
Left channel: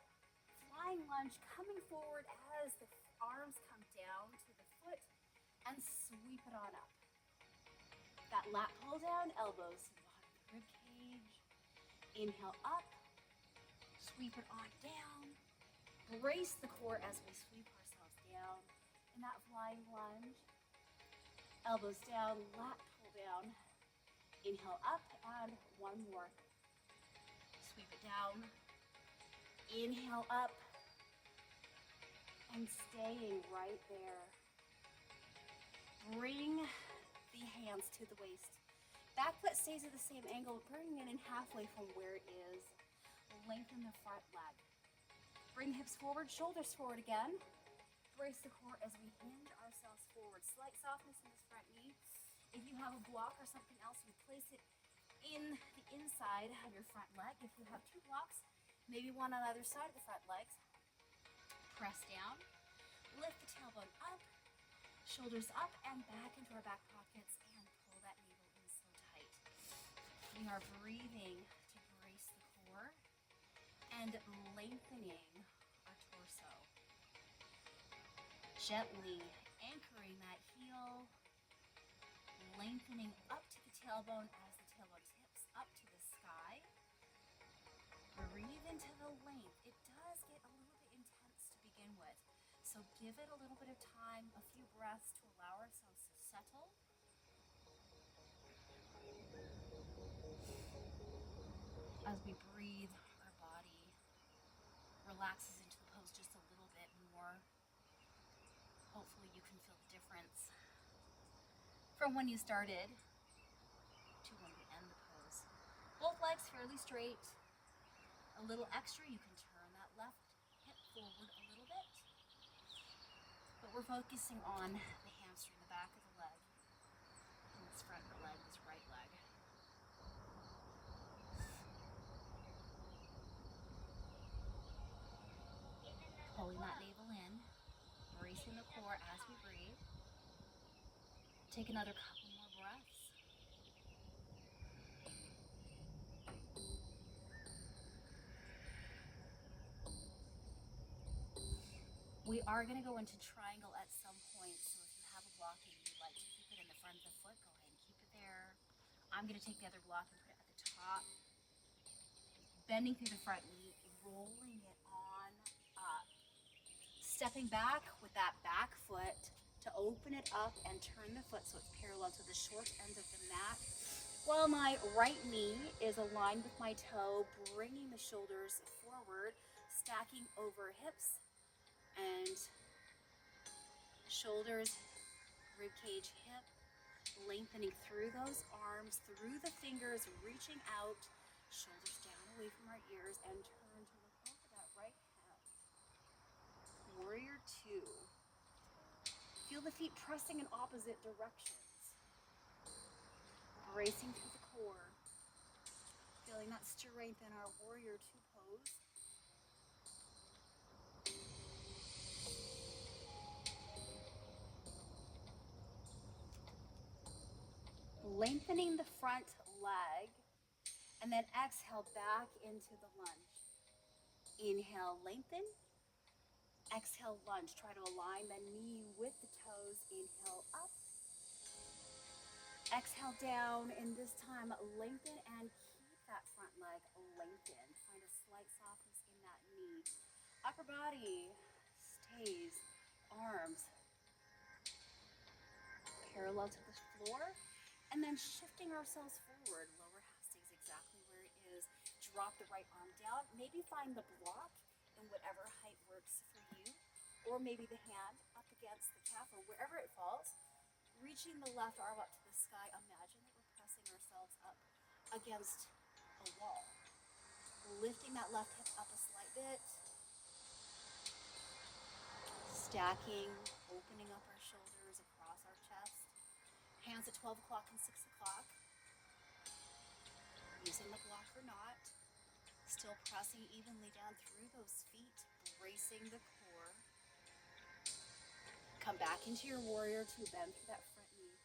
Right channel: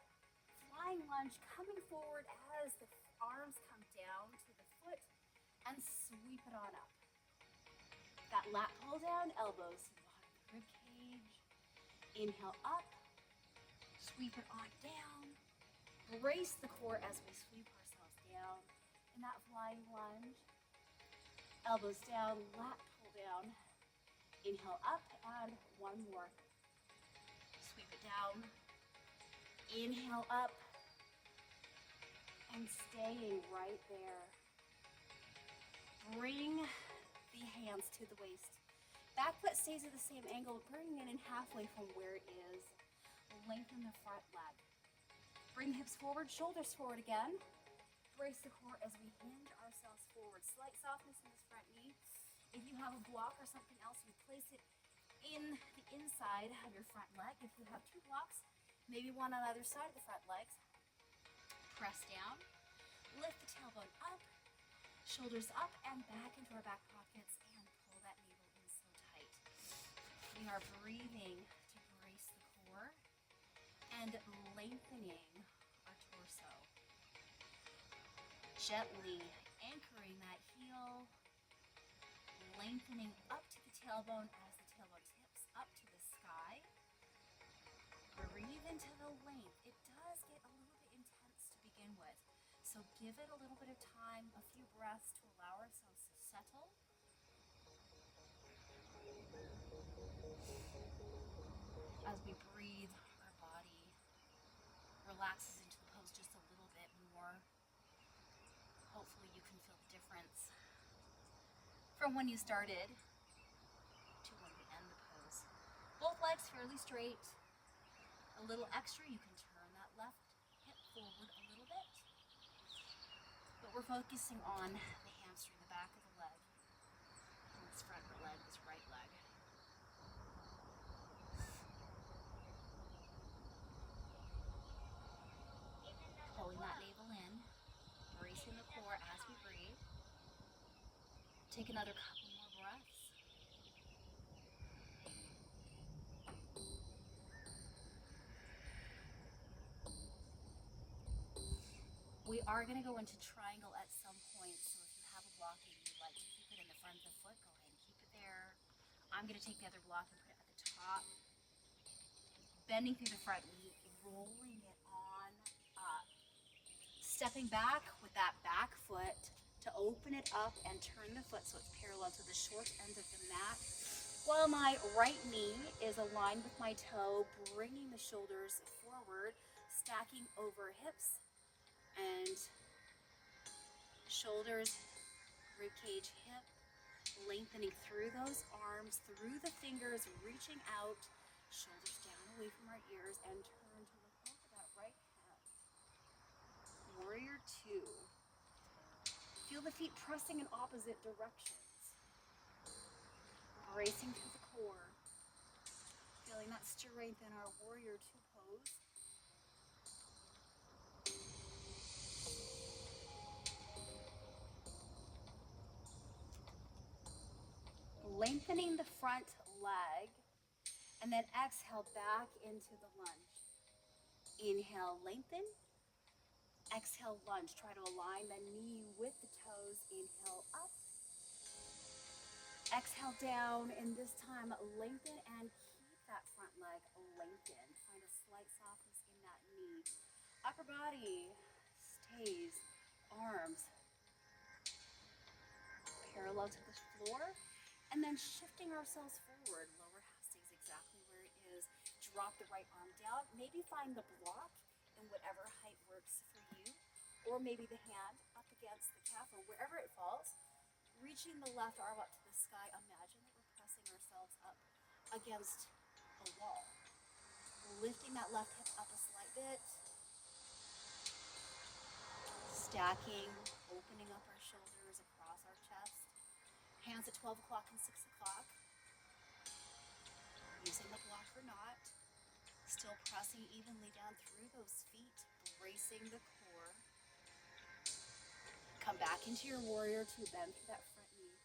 flying lunge, coming forward as the arms come down to the foot and sweep it on up. That lat pull down, elbows to the bottom of the rib cage. Inhale up, sweep it on down. Brace the core as we sweep ourselves down in that flying lunge. Elbows down, lat pull down. Inhale up and one more. Sweep it down. Inhale up and staying right there. Bring the hands to the waist. Back foot stays at the same angle, bringing it in halfway from where it is. Lengthen the front leg. Bring the hips forward, shoulders forward again. Brace the core as we hinge ourselves forward. Slight softness in this front knee. If you have a block or something else, you place it in the inside of your front leg. If you have two blocks, maybe one on either side of the front legs. Press down, lift the tailbone up, shoulders up and back into our back pockets, and pull that navel in so tight. We are breathing to brace the core and lengthening our torso. Gently anchoring that heel, lengthening up to the tailbone as the tailbone tips up to the sky. Breathe into the length. It does get a little bit intense to begin with, so give it a little bit of time, a few breaths to allow ourselves to settle. As we breathe, our body relaxes into the pose just a little bit more. Hopefully you can feel the difference from when you started to when we end the pose. Both legs fairly straight. A little extra, you can turn that left hip forward a little bit. But we're focusing on the hamstring, the back of the leg, and this front leg, this right leg. Pulling that navel in, bracing the core as we breathe. Take another couple more breaths. We are going to go into triangle at some point, so if you have a block and you'd like to keep it in the front of the foot, go ahead and keep it there. I'm going to take the other block and put it at the top. Bending through the front knee, rolling it on up. Stepping back with that back foot to open it up and turn the foot so it's parallel to the short end of the mat. While my right knee is aligned with my toe, bringing the shoulders forward, stacking over hips, and Shoulders, rib cage, hip, lengthening through those arms, through the fingers, reaching out, shoulders down away from our ears, and turn to look over that right hand. Warrior two. Feel the feet pressing in opposite directions. Bracing through the core. Feeling that strength in our warrior two pose. Lengthening the front leg, and then exhale back into the lunge. Inhale, lengthen. Exhale, lunge. Try to align the knee with the toes. Inhale, up. Exhale, down, and this time lengthen and keep that front leg lengthened. Find a slight softness in that knee. Upper body stays, arms parallel to the floor, and then shifting ourselves forward. Lower half stays exactly where it is. Drop the right arm down. Maybe find the block in whatever height works for you, or maybe the hand up against the calf or wherever it falls. Reaching the left arm up to the sky. Imagine that we're pressing ourselves up against a wall. Lifting that left hip up a slight bit. Stacking, opening up our shoulders across our chest. Hands at 12 o'clock and 6 o'clock. Using the block or not. Still pressing evenly down through those feet, bracing the core. Come back into your warrior two, bend through that front knee.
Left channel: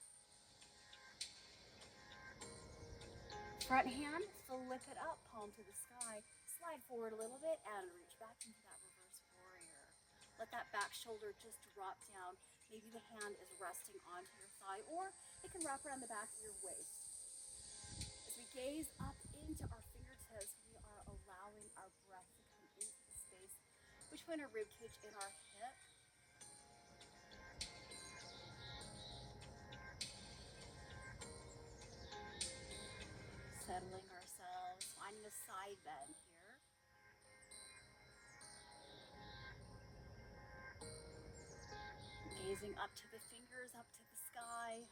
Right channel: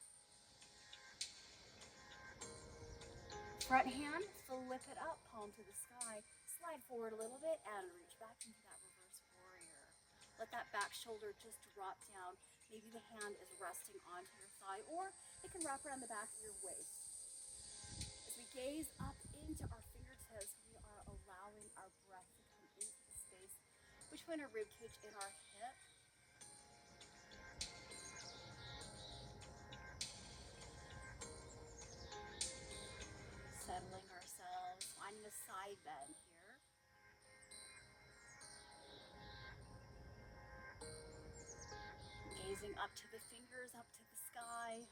Front hand, flip it up, palm to the sky. Slide forward a little bit and reach back into that reverse warrior. Let that back shoulder just drop down. Maybe the hand is resting onto your thigh, or it can wrap around the back of your waist. As we gaze up into our fingertips, we are allowing our breath to come into the space between our rib cage and our hip. Settling ourselves, finding a side bend here. Gazing up to the fingers, up to the sky.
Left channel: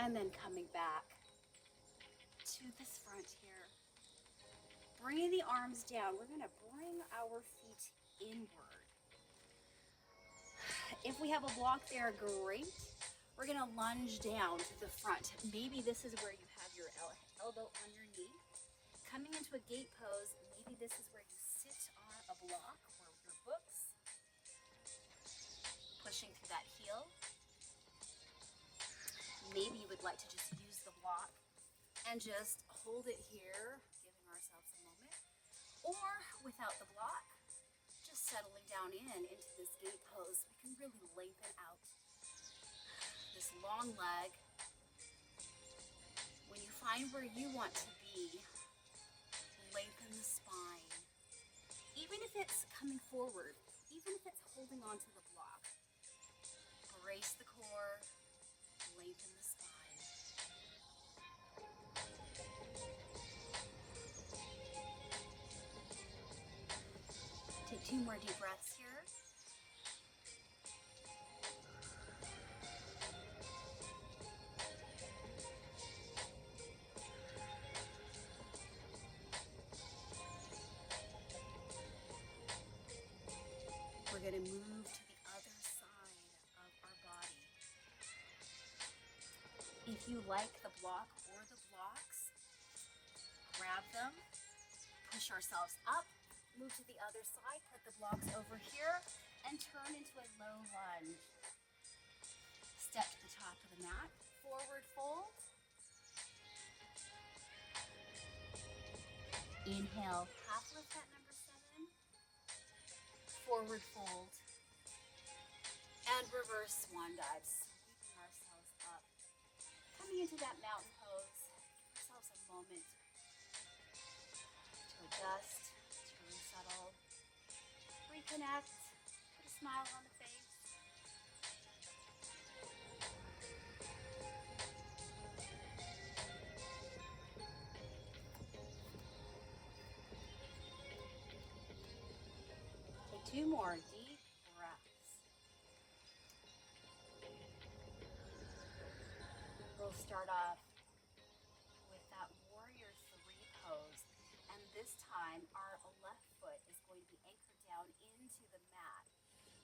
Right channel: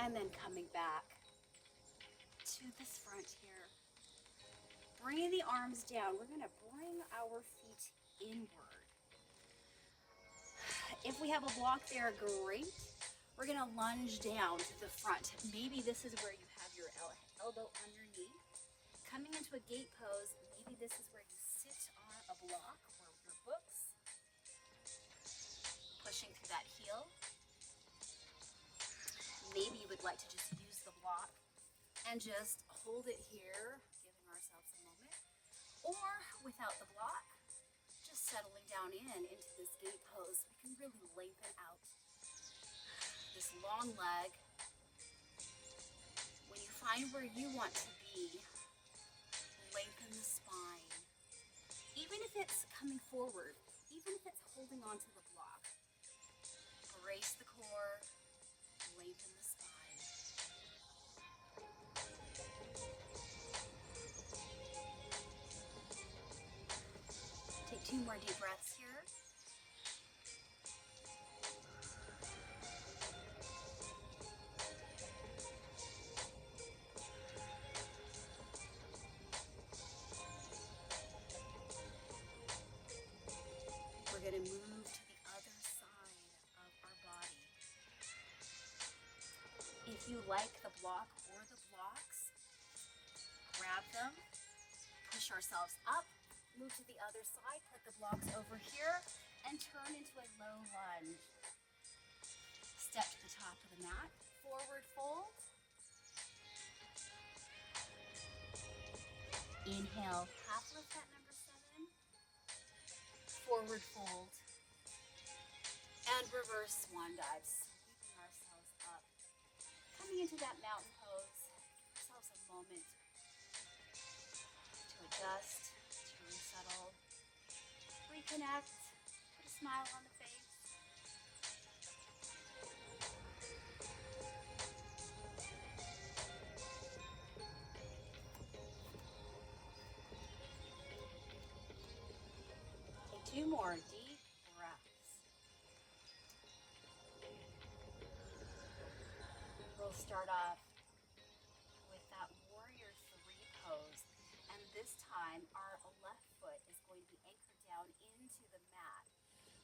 And then coming back to this front here. Bringing the arms down. We're going to bring our feet inward. If we have a block there, great. We're going to lunge down to the front. Maybe this is where you have your elbow on your knee. Coming into a gate pose, maybe this is where you sit on a block or your books. Pushing through that heel. Maybe you would like to just use the block and just hold it here, giving ourselves a moment. Or without the block, just settling down into this gate pose. We can really lengthen out this long leg. When you find where you want to be, lengthen the spine. Even if it's coming forward, even if it's holding onto the block, brace the core, lengthen the spine. Take 2 more deep breaths here. We're going to move to the other side of our body. If you like the block or the blocks, grab them, push ourselves up, move to the other side, put the blocks over here, and turn into a low lunge. Step to the top of the mat, forward fold. Inhale, half lift at number 7. Forward fold. And reverse swan dive, sweeping ourselves up. Coming into that mountain pose, give ourselves a moment to adjust, to resettle, reconnect, put a smile on the face. more deep breaths. We'll start off with that warrior three pose. And this time, our left foot is going to be anchored down into the mat.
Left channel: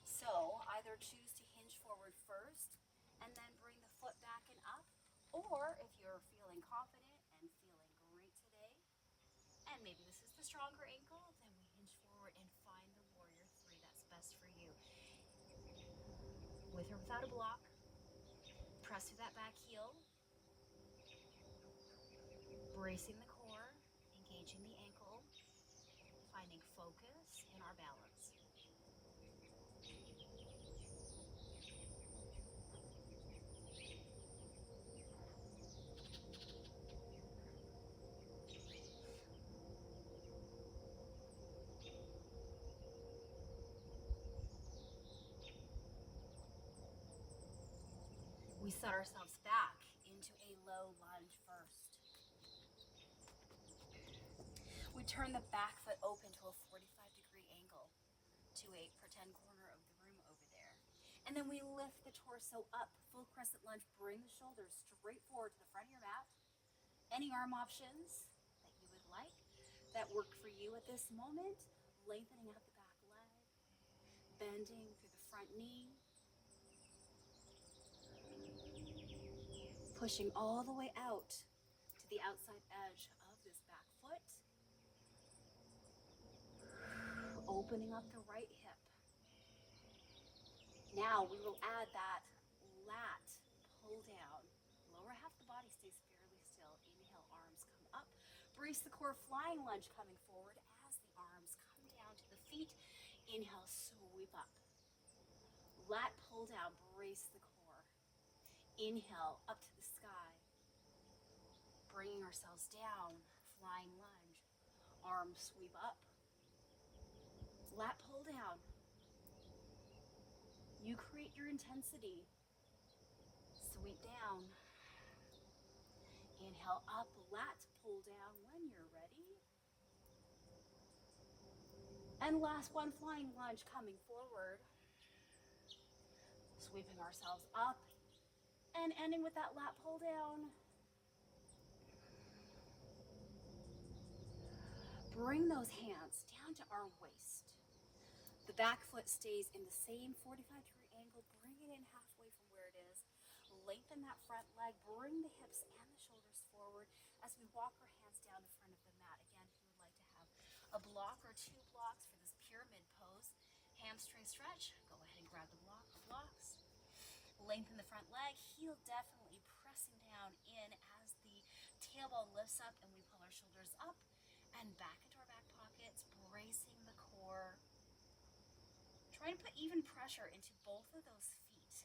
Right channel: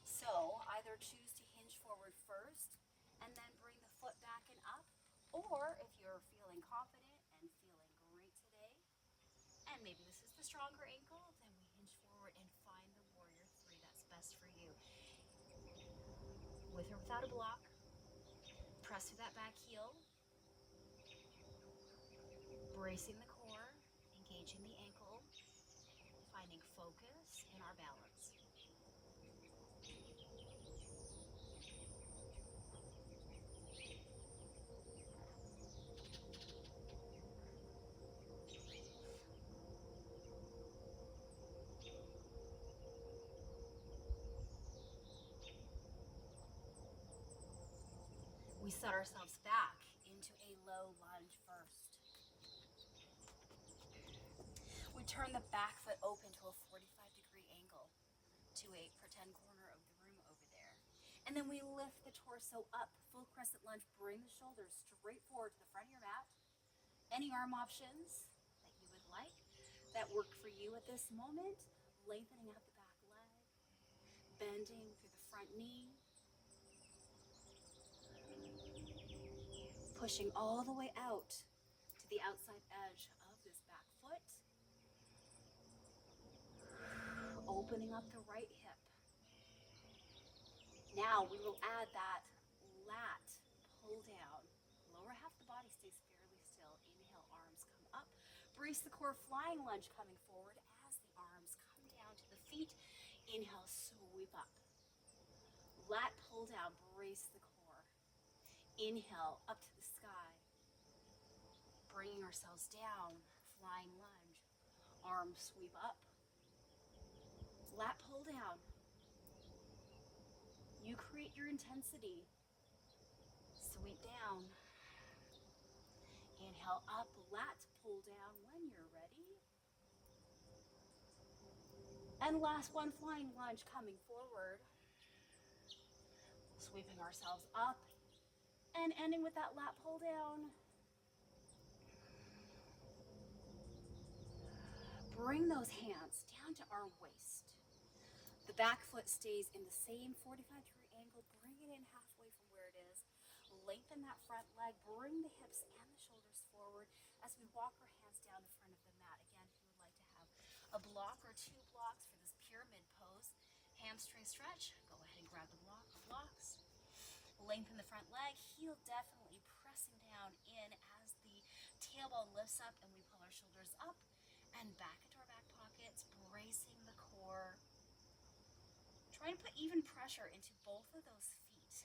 So either choose to hinge forward first and then bring the foot back and up, or if you're feeling confident and feeling great today, and maybe this is the stronger ankle, then we hinge forward and find the warrior three that's best for you. With or without a block, press through that back heel, bracing the core, engaging the ankle, finding focus in our balance. We set ourselves back into a low lunge first. We turn the back foot open to a 45-degree angle to a pretend corner of the room over there. And then we lift the torso up, full crescent lunge, bring the shoulders straight forward to the front of your mat. Any arm options that you would like that work for you at this moment, lengthening out the back leg, bending through the front knee, pushing all the way out to the outside edge of this back foot, opening up the right hip. Now we will add that lat pull down. Lower half of the body stays fairly still. Inhale, arms come up. Brace the core, flying lunge coming forward as the arms come down to the feet. Inhale, sweep up. Lat pull down, brace the core. Inhale, up to the sky. Bringing ourselves down, flying lunge. Arms sweep up. Lat pull down. You create your intensity. Sweep down. Inhale up, lat pull down when you're ready. And last one, flying lunge coming forward. Sweeping ourselves up and ending with that lat pull down. Bring those hands down to our waist. The back foot stays in the same 45-degree angle. Bring it in halfway from where it is. Lengthen that front leg. Bring the hips and the shoulders forward as we walk our hands down in front of the mat. Again, if you would like to have a block or two blocks for this pyramid pose, hamstring stretch, go ahead and grab the blocks. Lengthen the front leg. Heel definitely pressing down in as the tailbone lifts up and we pull our shoulders up and back into our back pockets, bracing the core. Try to put even pressure into both of those feet.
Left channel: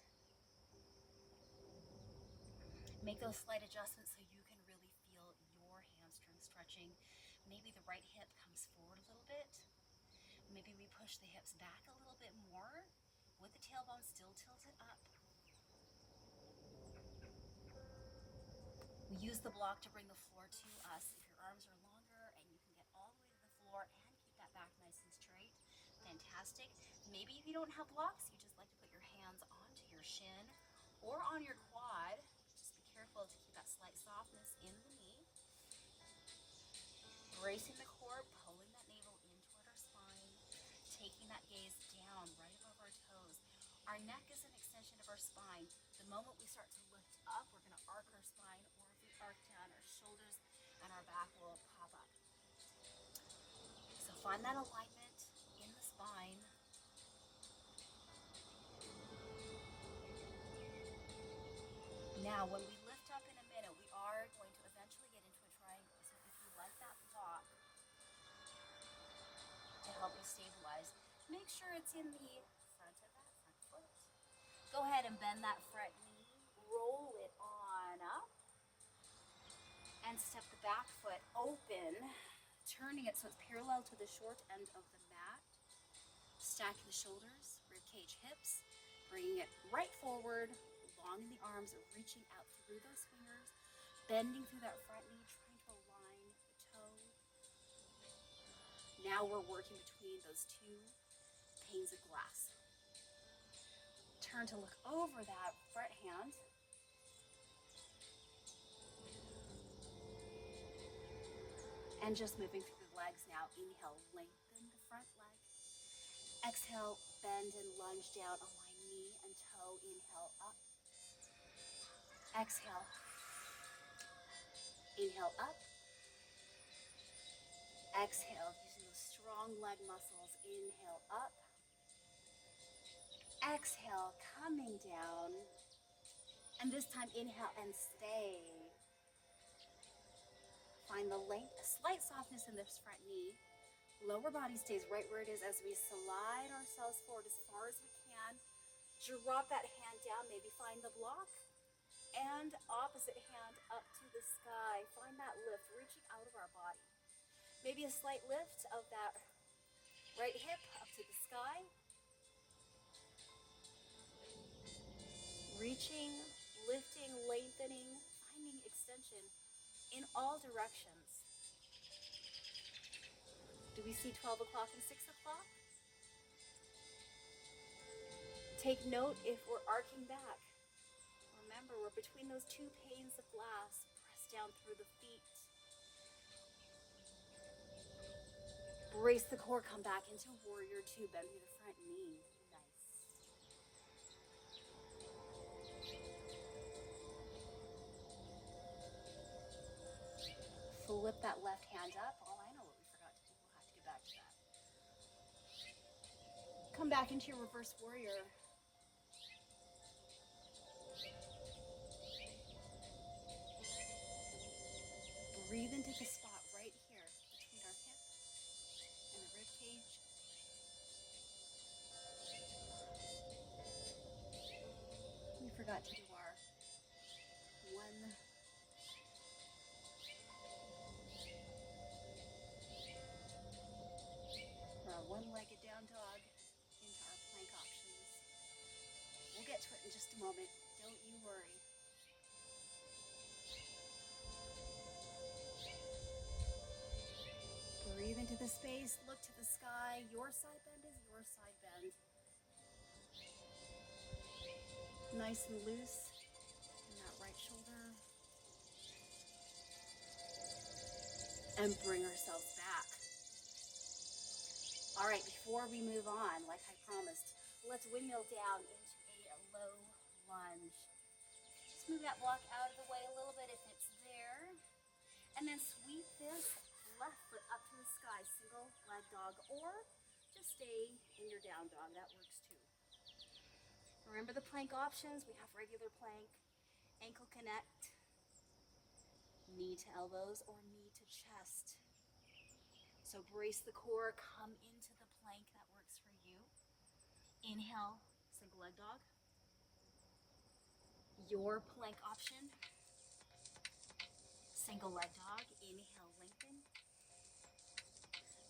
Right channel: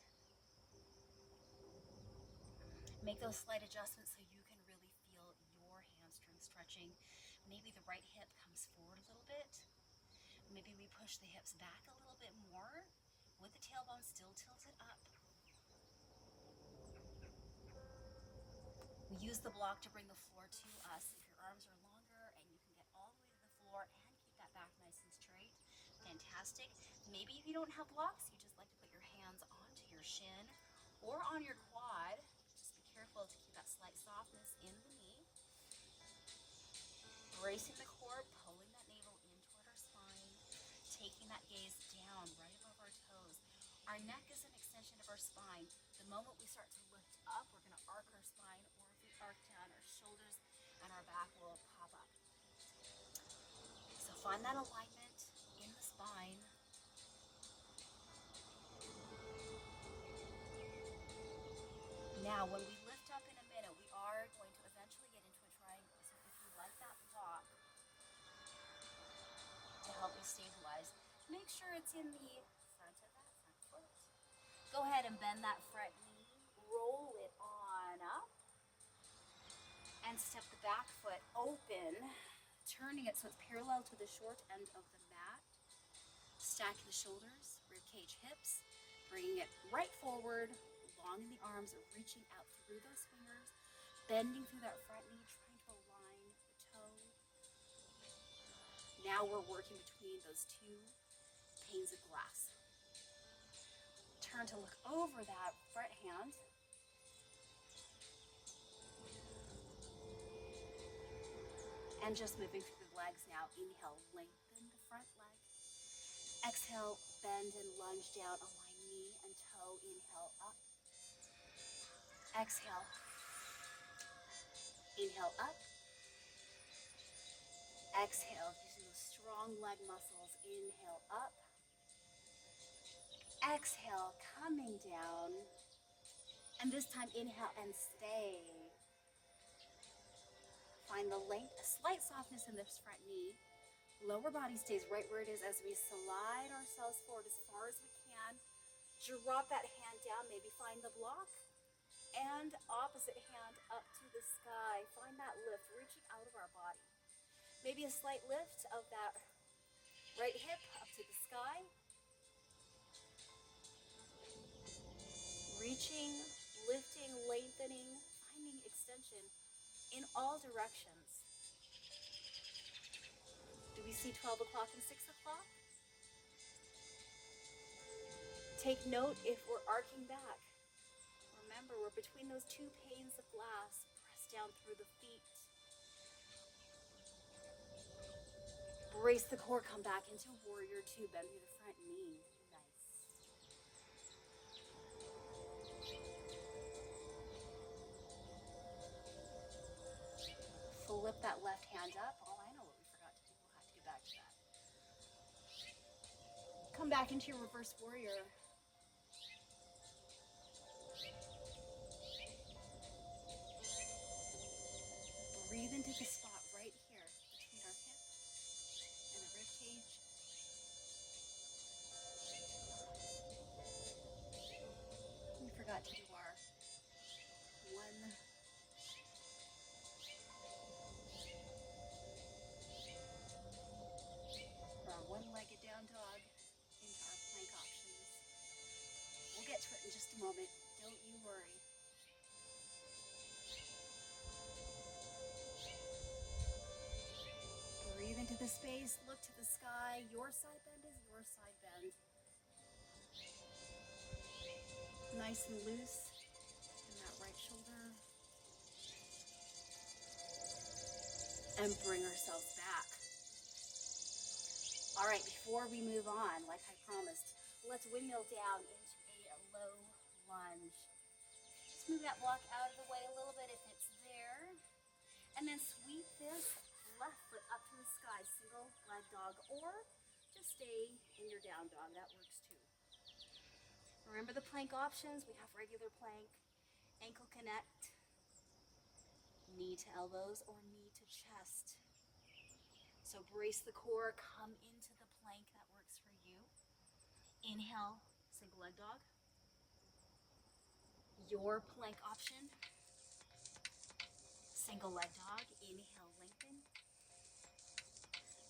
Make those slight adjustments so you can really feel your hamstring stretching. Maybe the right hip comes forward a little bit. Maybe we push the hips back a little bit more with the tailbone still tilted up. We use the block to bring the floor to us. If your arms are longer and you can get all the way to the floor and keep that back nice and straight, fantastic. Maybe if you don't have blocks, you just like to put your hands onto your shin or on your quad. Just be careful to keep that slight softness in the knee. Bracing the core, pulling that navel in toward our spine, taking that gaze down right above our toes. Our neck is an extension of our spine. The moment we start to lift up, we're going to arc our spine, or if we arc down, our shoulders and our back will pop up. So find that alignment in the spine. Now, when we lift up in a minute, we are going to eventually get into a triangle. So if you like that block to help you stabilize, make sure it's in the front of that front foot. Go ahead and bend that front knee, roll it on up, and step the back foot open, turning it so it's parallel to the short end of the mat. Stacking the shoulders, ribcage, hips, bringing it right forward, long in the arms, reaching out through those fingers, bending through that front knee, trying to align the toe. Now we're working between those two panes of glass. turn to look over that front hand. And just moving through the legs now. Inhale, lengthen the front leg. Exhale, bend and lunge down on my knee and toe. Inhale, up. Exhale. Inhale, up. Exhale, using those strong leg muscles. Inhale, up. Exhale, coming down. And this time, inhale and stay. Find the length, a slight softness in this front knee. Lower body stays right where it is as we slide ourselves forward as far as we can. Drop that hand down, maybe find the block. And opposite hand up to the sky. Find that lift, reaching out of our body. Maybe a slight lift of that right hip up to the sky. Reaching, lifting, lengthening, finding extension in all directions. Do we see 12 o'clock and 6 o'clock? Take note if we're arcing back. Remember, we're between those two panes of glass. Press down through the feet. Brace the core, come back into warrior two. Bend through the front knee. Nice. Flip that left hand up. Oh, I know what we forgot to do. We'll have to get back to that. Come back into your reverse warrior. Breathe into the spot right here between our hip and the rib cage. We forgot to do our one-legged down dog into our plank options. We'll get to it in just a moment. Don't you worry. Breathe into the space, look to the sky. Your side bend is your side bend. Nice and loose in that right shoulder. And bring ourselves back. All right, before we move on, like I promised, let's windmill down into a low lunge. Just move that block out of the way a little bit if it's there. And then sweep this left foot up to the sky, single leg dog, or just stay in your down dog, that works too. Remember the plank options, we have regular plank, ankle connect, knee to elbows, or knee to chest. So brace the core, come into the plank that works for you. Inhale, single leg dog. Your plank option, single leg dog. Inhale, lengthen.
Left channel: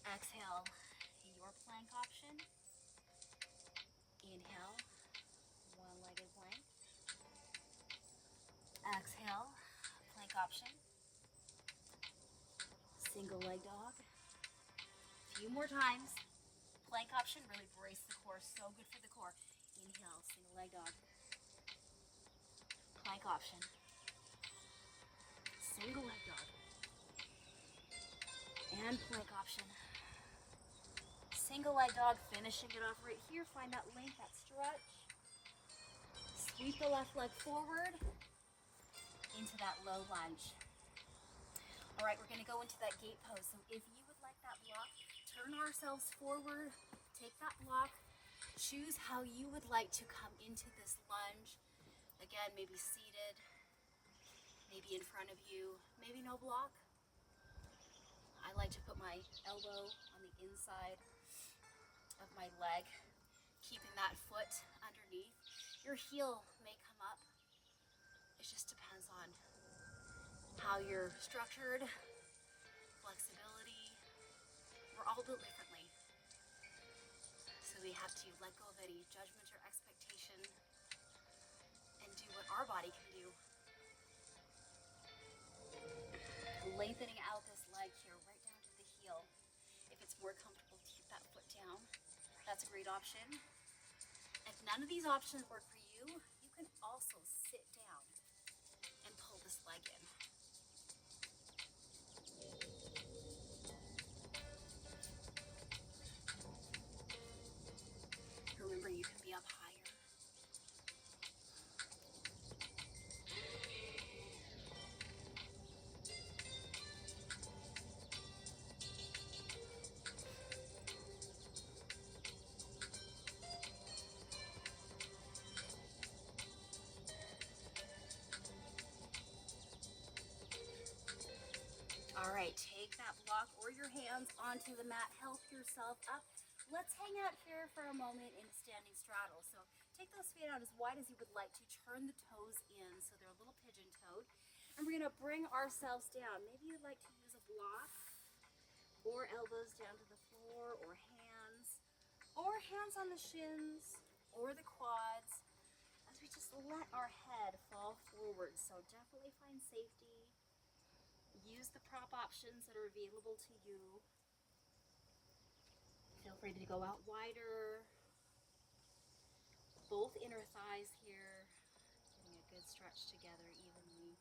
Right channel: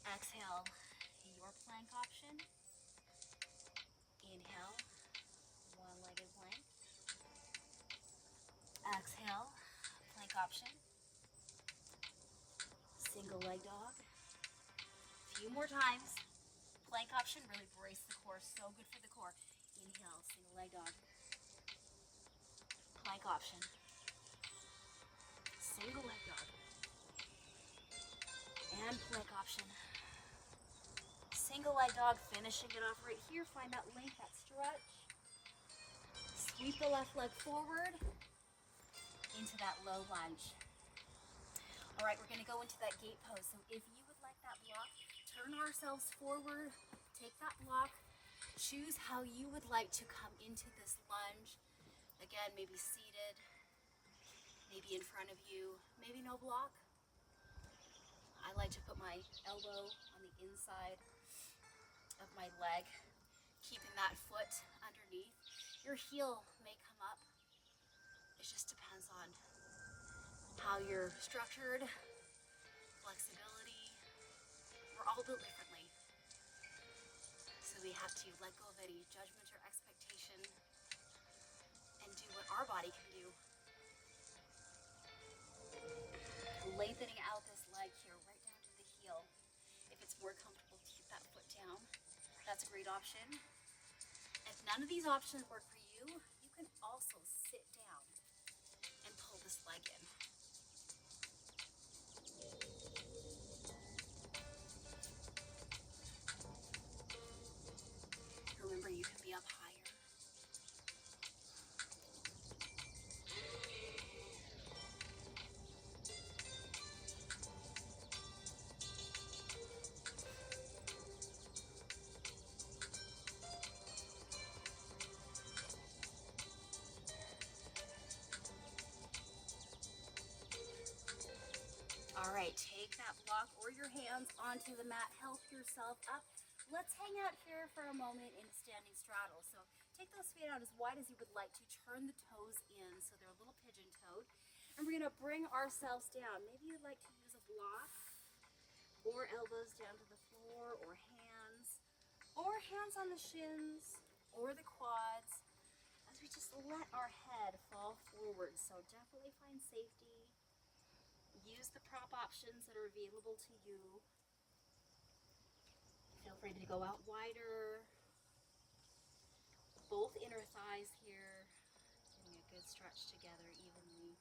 Exhale, your plank option. Inhale, one-legged plank. Exhale, plank option. Single leg dog. Few more times. Plank option, really brace the core, so good for the core. Inhale, single leg dog. Plank option. Single leg dog. And plank option. Single leg dog, finishing it off right here. Find that length, that stretch. Sweep the left leg forward into that low lunge. All right, we're gonna go into that gate pose. So if you would like that block, turn ourselves forward, take that block, choose how you would like to come into this lunge. Again, maybe seated, maybe in front of you, maybe no block. I like to put my elbow on the inside of my leg, keeping that foot underneath. Your heel may come up. It just depends on how you're structured, flexibility. We're all built differently. So we have to let go of any judgment or expectation and do what our body can do. Lengthening out this leg here, right down to the heel. If it's more comfortable to keep that foot down, that's a great option. If none of these options work for you, you can also sit down and pull this leg in. Remember, you can be up higher. All right, take that block or your hands onto the mat. Help yourself up. Let's hang out here for a moment in a standing straddle. So take those feet out as wide as you would like to. Turn the toes in so they're a little pigeon-toed. And we're going to bring ourselves down. Maybe you'd like to use a block or elbows down to the floor, or hands on the shins or the quads as we just let our head fall forward. So definitely find safety. Use the prop options that are available to you. Feel free to go out wider. Both inner thighs here, getting a good stretch together evenly.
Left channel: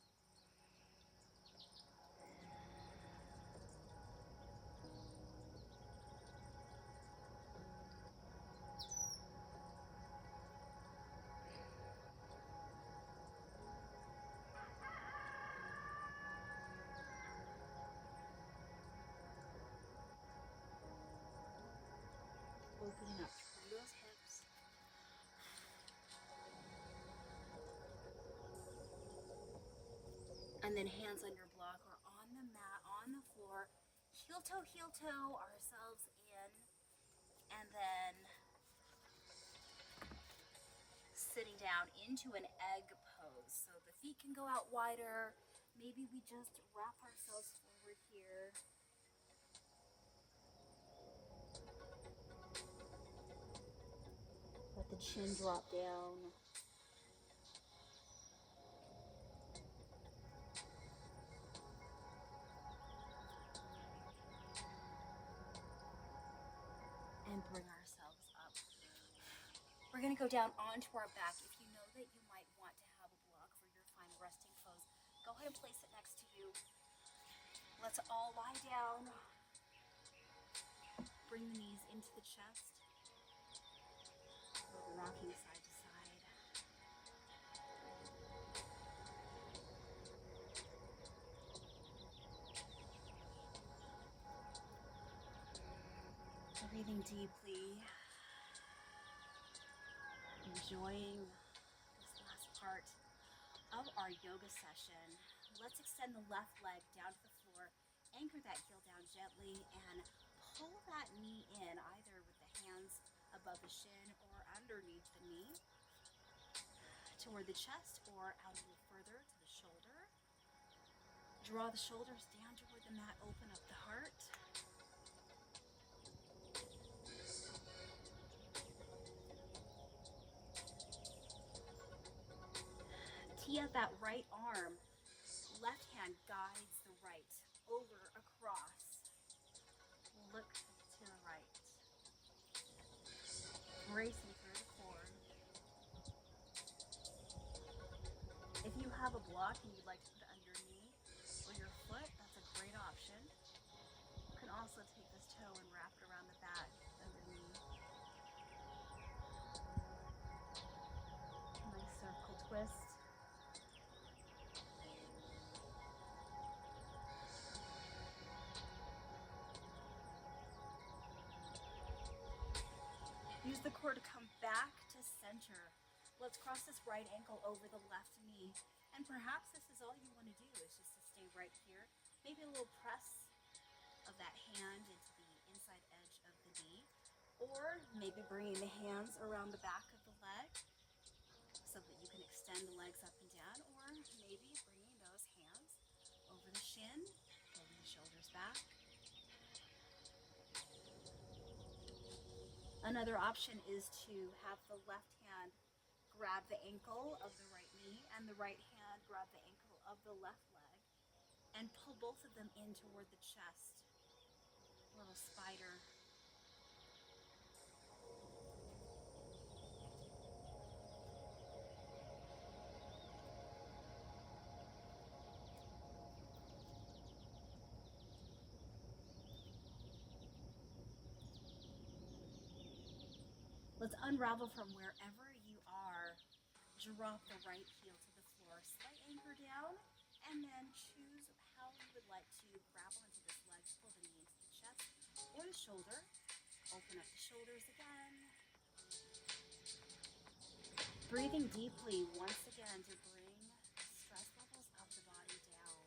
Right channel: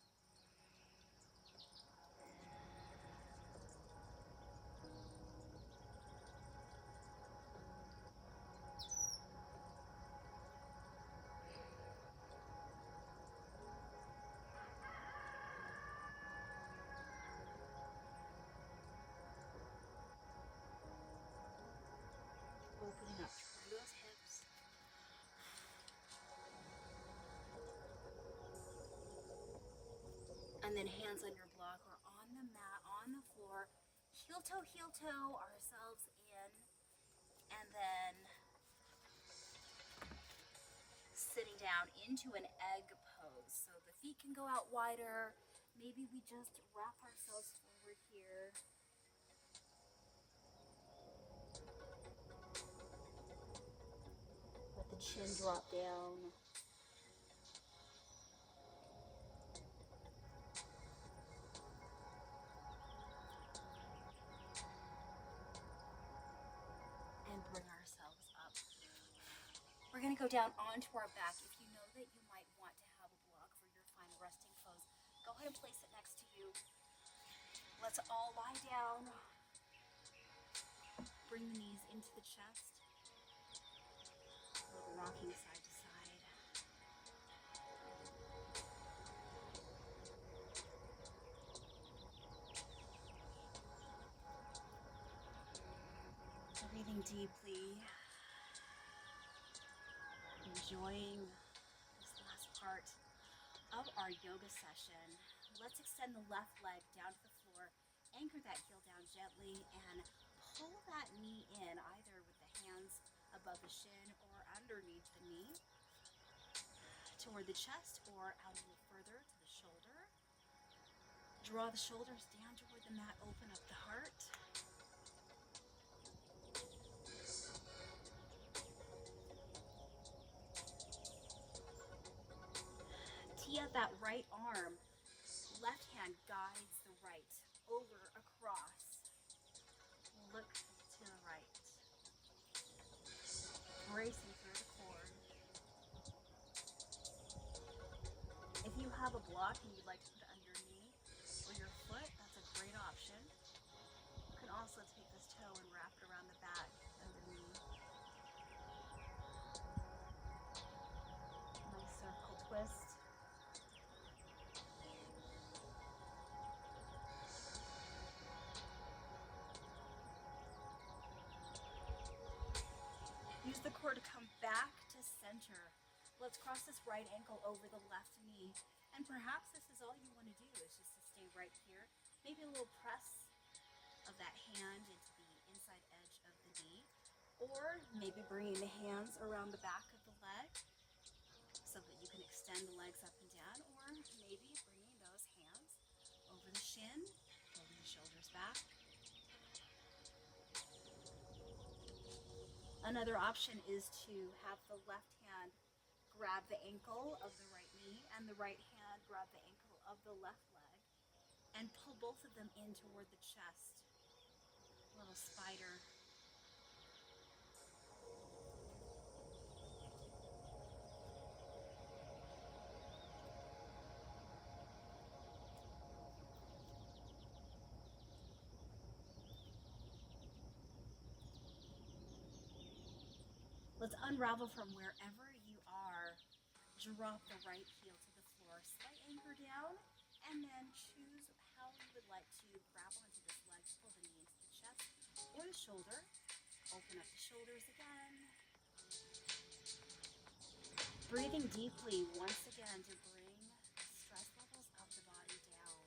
Opening up through those hips. And then hands on your block or on the mat, on the floor. Heel toe ourselves in. And then sitting down into an egg pose. So the feet can go out wider. Maybe we just wrap ourselves forward here. Let the chin drop down. And bring ourselves up. We're going to go down onto our back. If you know that you might want to have a block for your final resting pose, go ahead and place it next to you. Let's all lie down. Bring the knees into the chest. We'll be rocking side to side. Breathing deeply. Enjoying this last part of our yoga session. Let's extend the left leg down to the floor. Anchor that heel down gently and pull that knee in, either with the hands above the shin or underneath the knee, toward the chest or out a little further to the shoulder. Draw the shoulders down toward the mat, open up the heart. Tee up that right arm. Left hand guides the right, over, across. Look to the right. Bracing through the core. If you have a block and you'd like to put it under your knee or your foot, that's a great option. You can also take this toe and wrap it around the back of the knee. Nice circle twist. Use the core to come back to center. Let's cross this right ankle over the left knee. And perhaps this is all you want to do, is just to stay right here. Maybe a little press of that hand into the inside edge of the knee. Or maybe bringing the hands around the back of the leg so that you can extend the legs up and down. Or maybe bringing those hands over the shin, holding the shoulders back. Another option is to have the left hand grab the ankle of the right knee and the right hand grab the ankle of the left leg and pull both of them in toward the chest. Little spider. Let's unravel from wherever you are. Drop the right heel to the floor, slight anchor down, and then choose how you would like to grab onto this ledge. Pull the knee into the chest or the shoulder. Open up the shoulders again. Breathing deeply once again to bring the stress levels of the body down.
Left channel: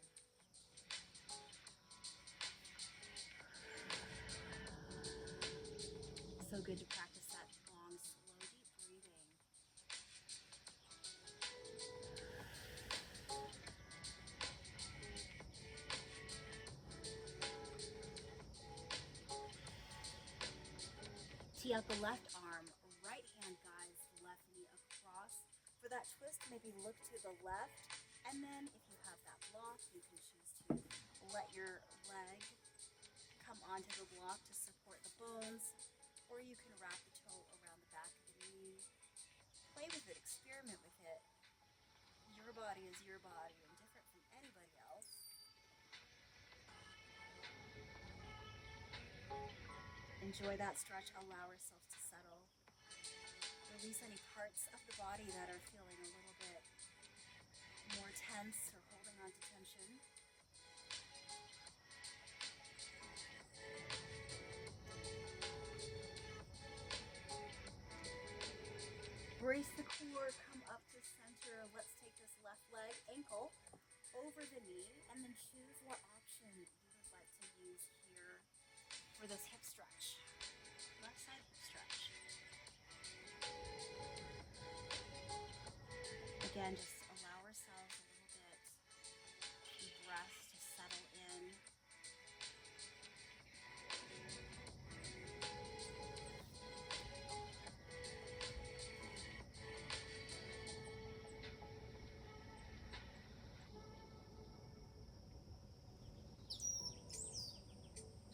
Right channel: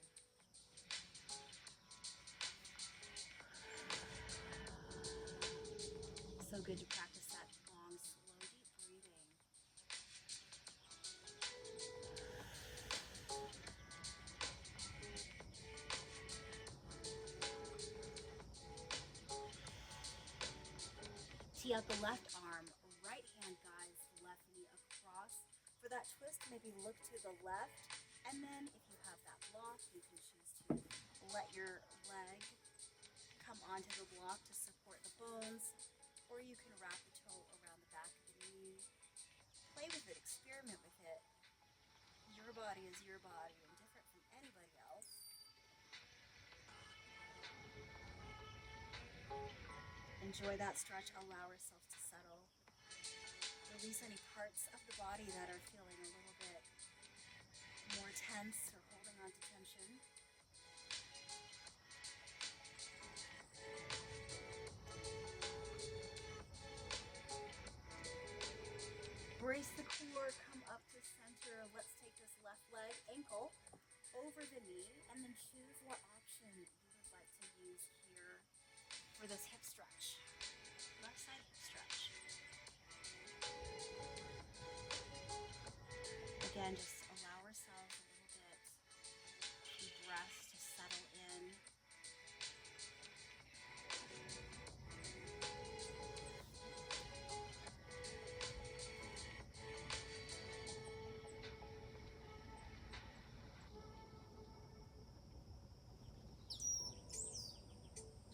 So good to practice that long, slow, deep breathing. Tee out the left arm, right hand guides the left knee across. For that twist, maybe look to the left, and then if you have that block, you can choose to let your leg come onto the block to support the bones, or you can wrap the toe around the back of the knee. Play with it, experiment with it. Your body is your body and different from anybody else. Enjoy that stretch, allow yourself to settle. Release any parts of the body that are feeling a little bit more tense or holding on to tension. Brace the core, come up to center. Let's take this left leg, ankle, over the knee, and then choose what option you would like to use here for this hip stretch. Left side hip stretch. Again, just allow ourselves a little bit deep breaths to settle in.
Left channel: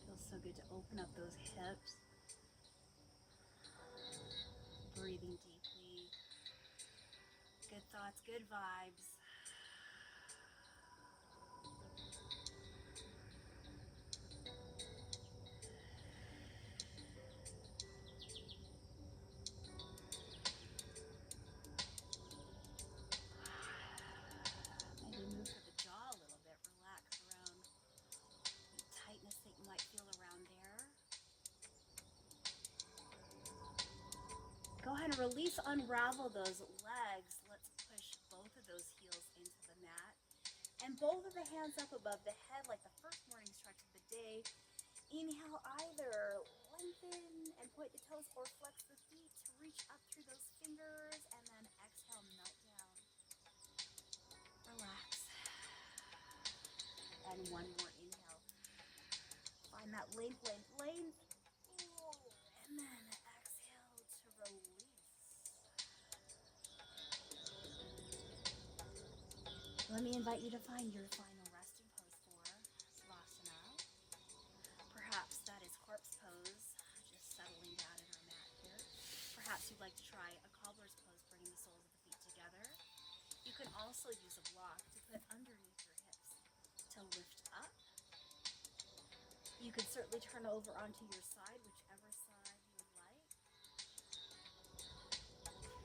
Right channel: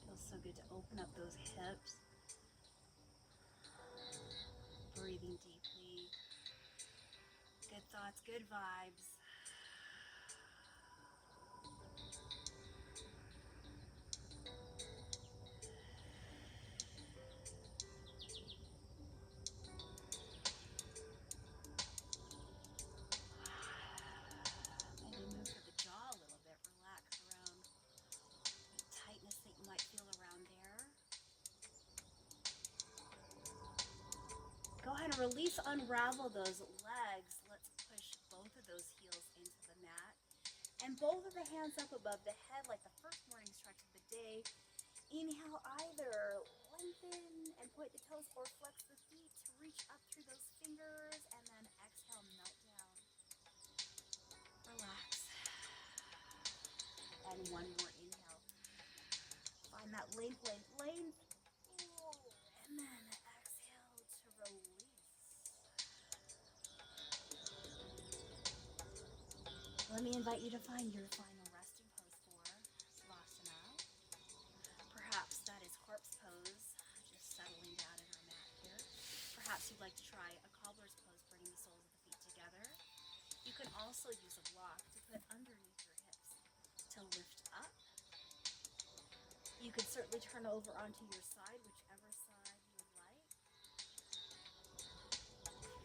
Feels so good to open up those hips. Breathing deeply. Good thoughts, good vibes. Maybe move to the jaw a little bit. Relax around the tightness that you might feel around there. Go ahead and release, unravel those legs. Let's push both of those heels into the mat. And both of the hands up above the head like the first morning stretch of the day. Inhale, either lengthen and point the toes or flex the feet to reach up through those fingers. And then exhale, melt down. Relax. And one more inhale. Find that length, length, length. And then exhale to release. Let me invite you to find your final resting pose for Savasana. Perhaps that is corpse pose, just settling down in our mat here. Perhaps you'd like to try a cobbler's pose, bringing the soles of the feet together. You can also use a block to put underneath your hips to lift up. You could certainly turn over onto your side, whichever side you would like.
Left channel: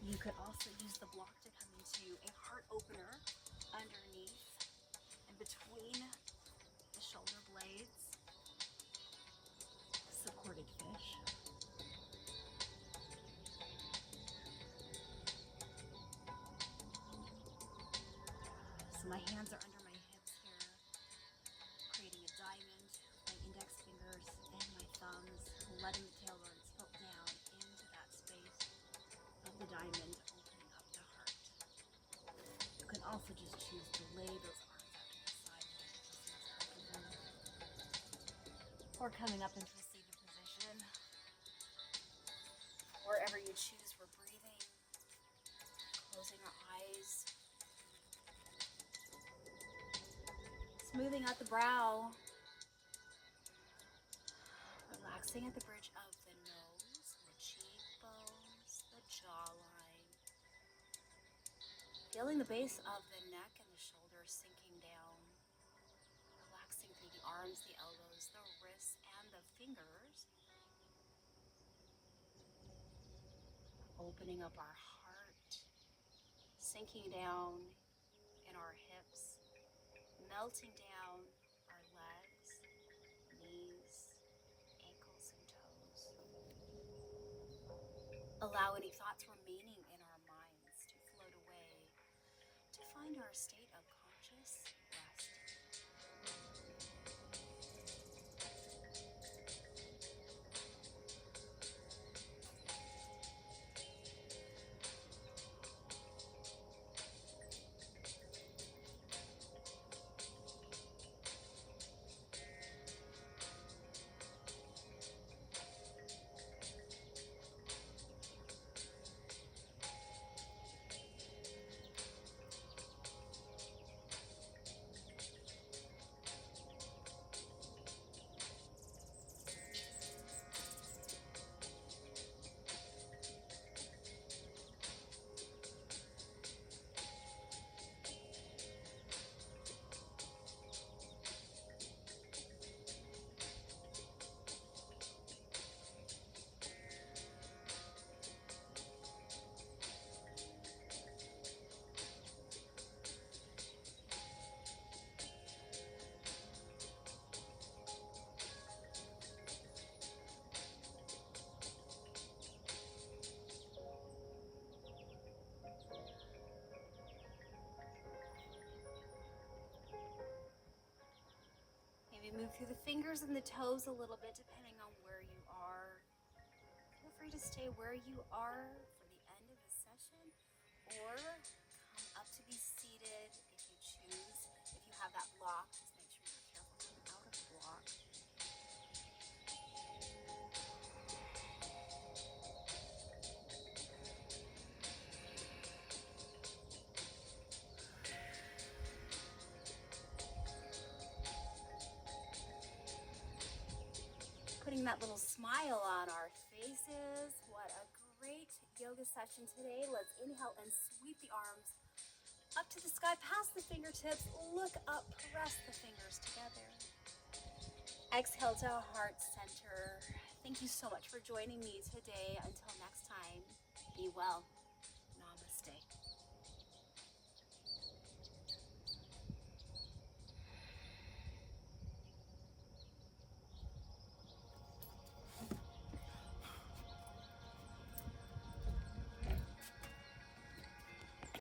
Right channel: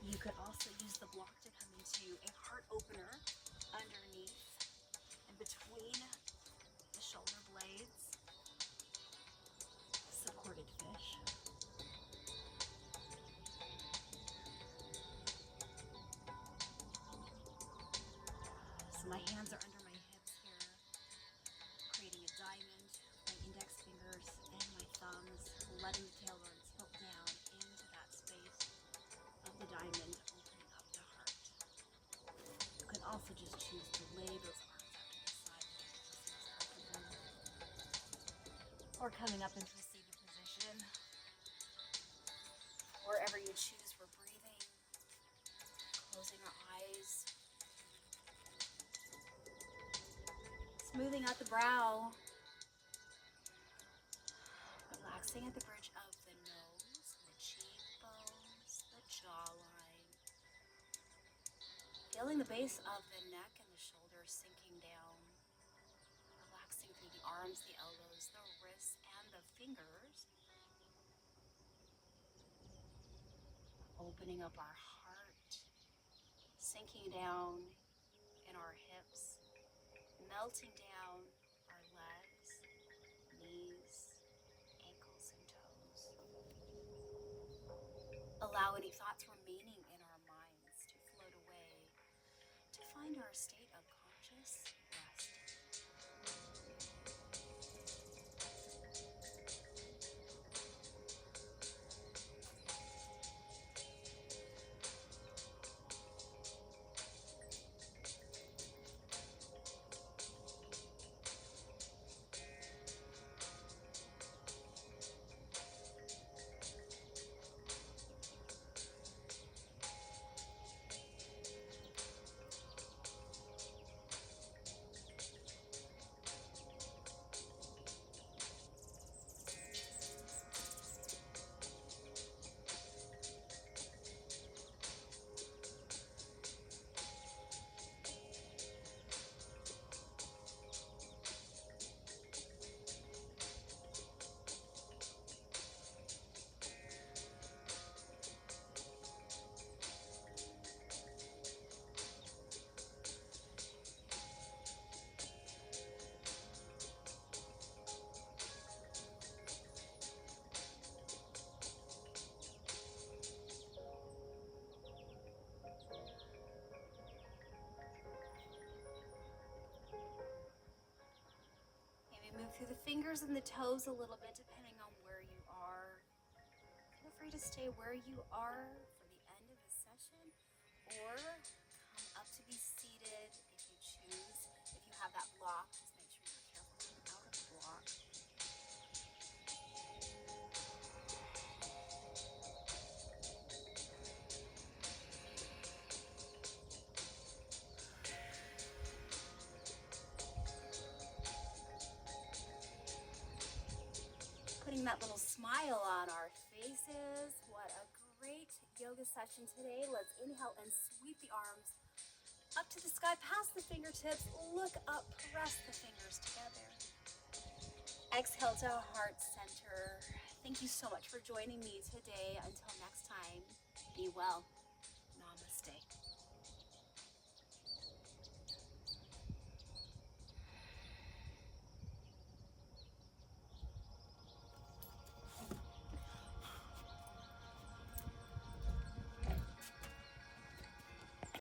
You could also use the block to come into a heart opener underneath and between the shoulder blades. Supported fish. So my hands are under my hips here, creating a diamond. My index fingers and my thumbs, letting the tailbone tilt down into that space of the diamond, opening up the heart. You can also just choose to lay those arms out to the side, or coming up into a seated position. Wherever you choose, we're breathing, closing our eyes, smoothing out the brow, relaxing at the bridge of the nose, the cheekbones, the jawline. Feeling the base of the neck and the shoulders sinking down. Relaxing through the arms, the elbows, the wrists, and the fingers. opening up our heart, sinking down in our hips, melting down our legs, knees, ankles, and toes. Allow any thoughts remaining in our minds to float away to find our state of conscious rest. Maybe move through the fingers and the toes a little bit depending on where you are. Feel free to stay where you are for the end of the session or come up to be seated if you choose. If you have that block, just make sure you're careful coming out of the block. Putting that little smile on our faces. What a great yoga session today. Let's inhale and sweep the arms up to the sky, past the fingertips. Look up, press the fingers together. Exhale to heart center. Thank you so much for joining me today. Until next time, be well.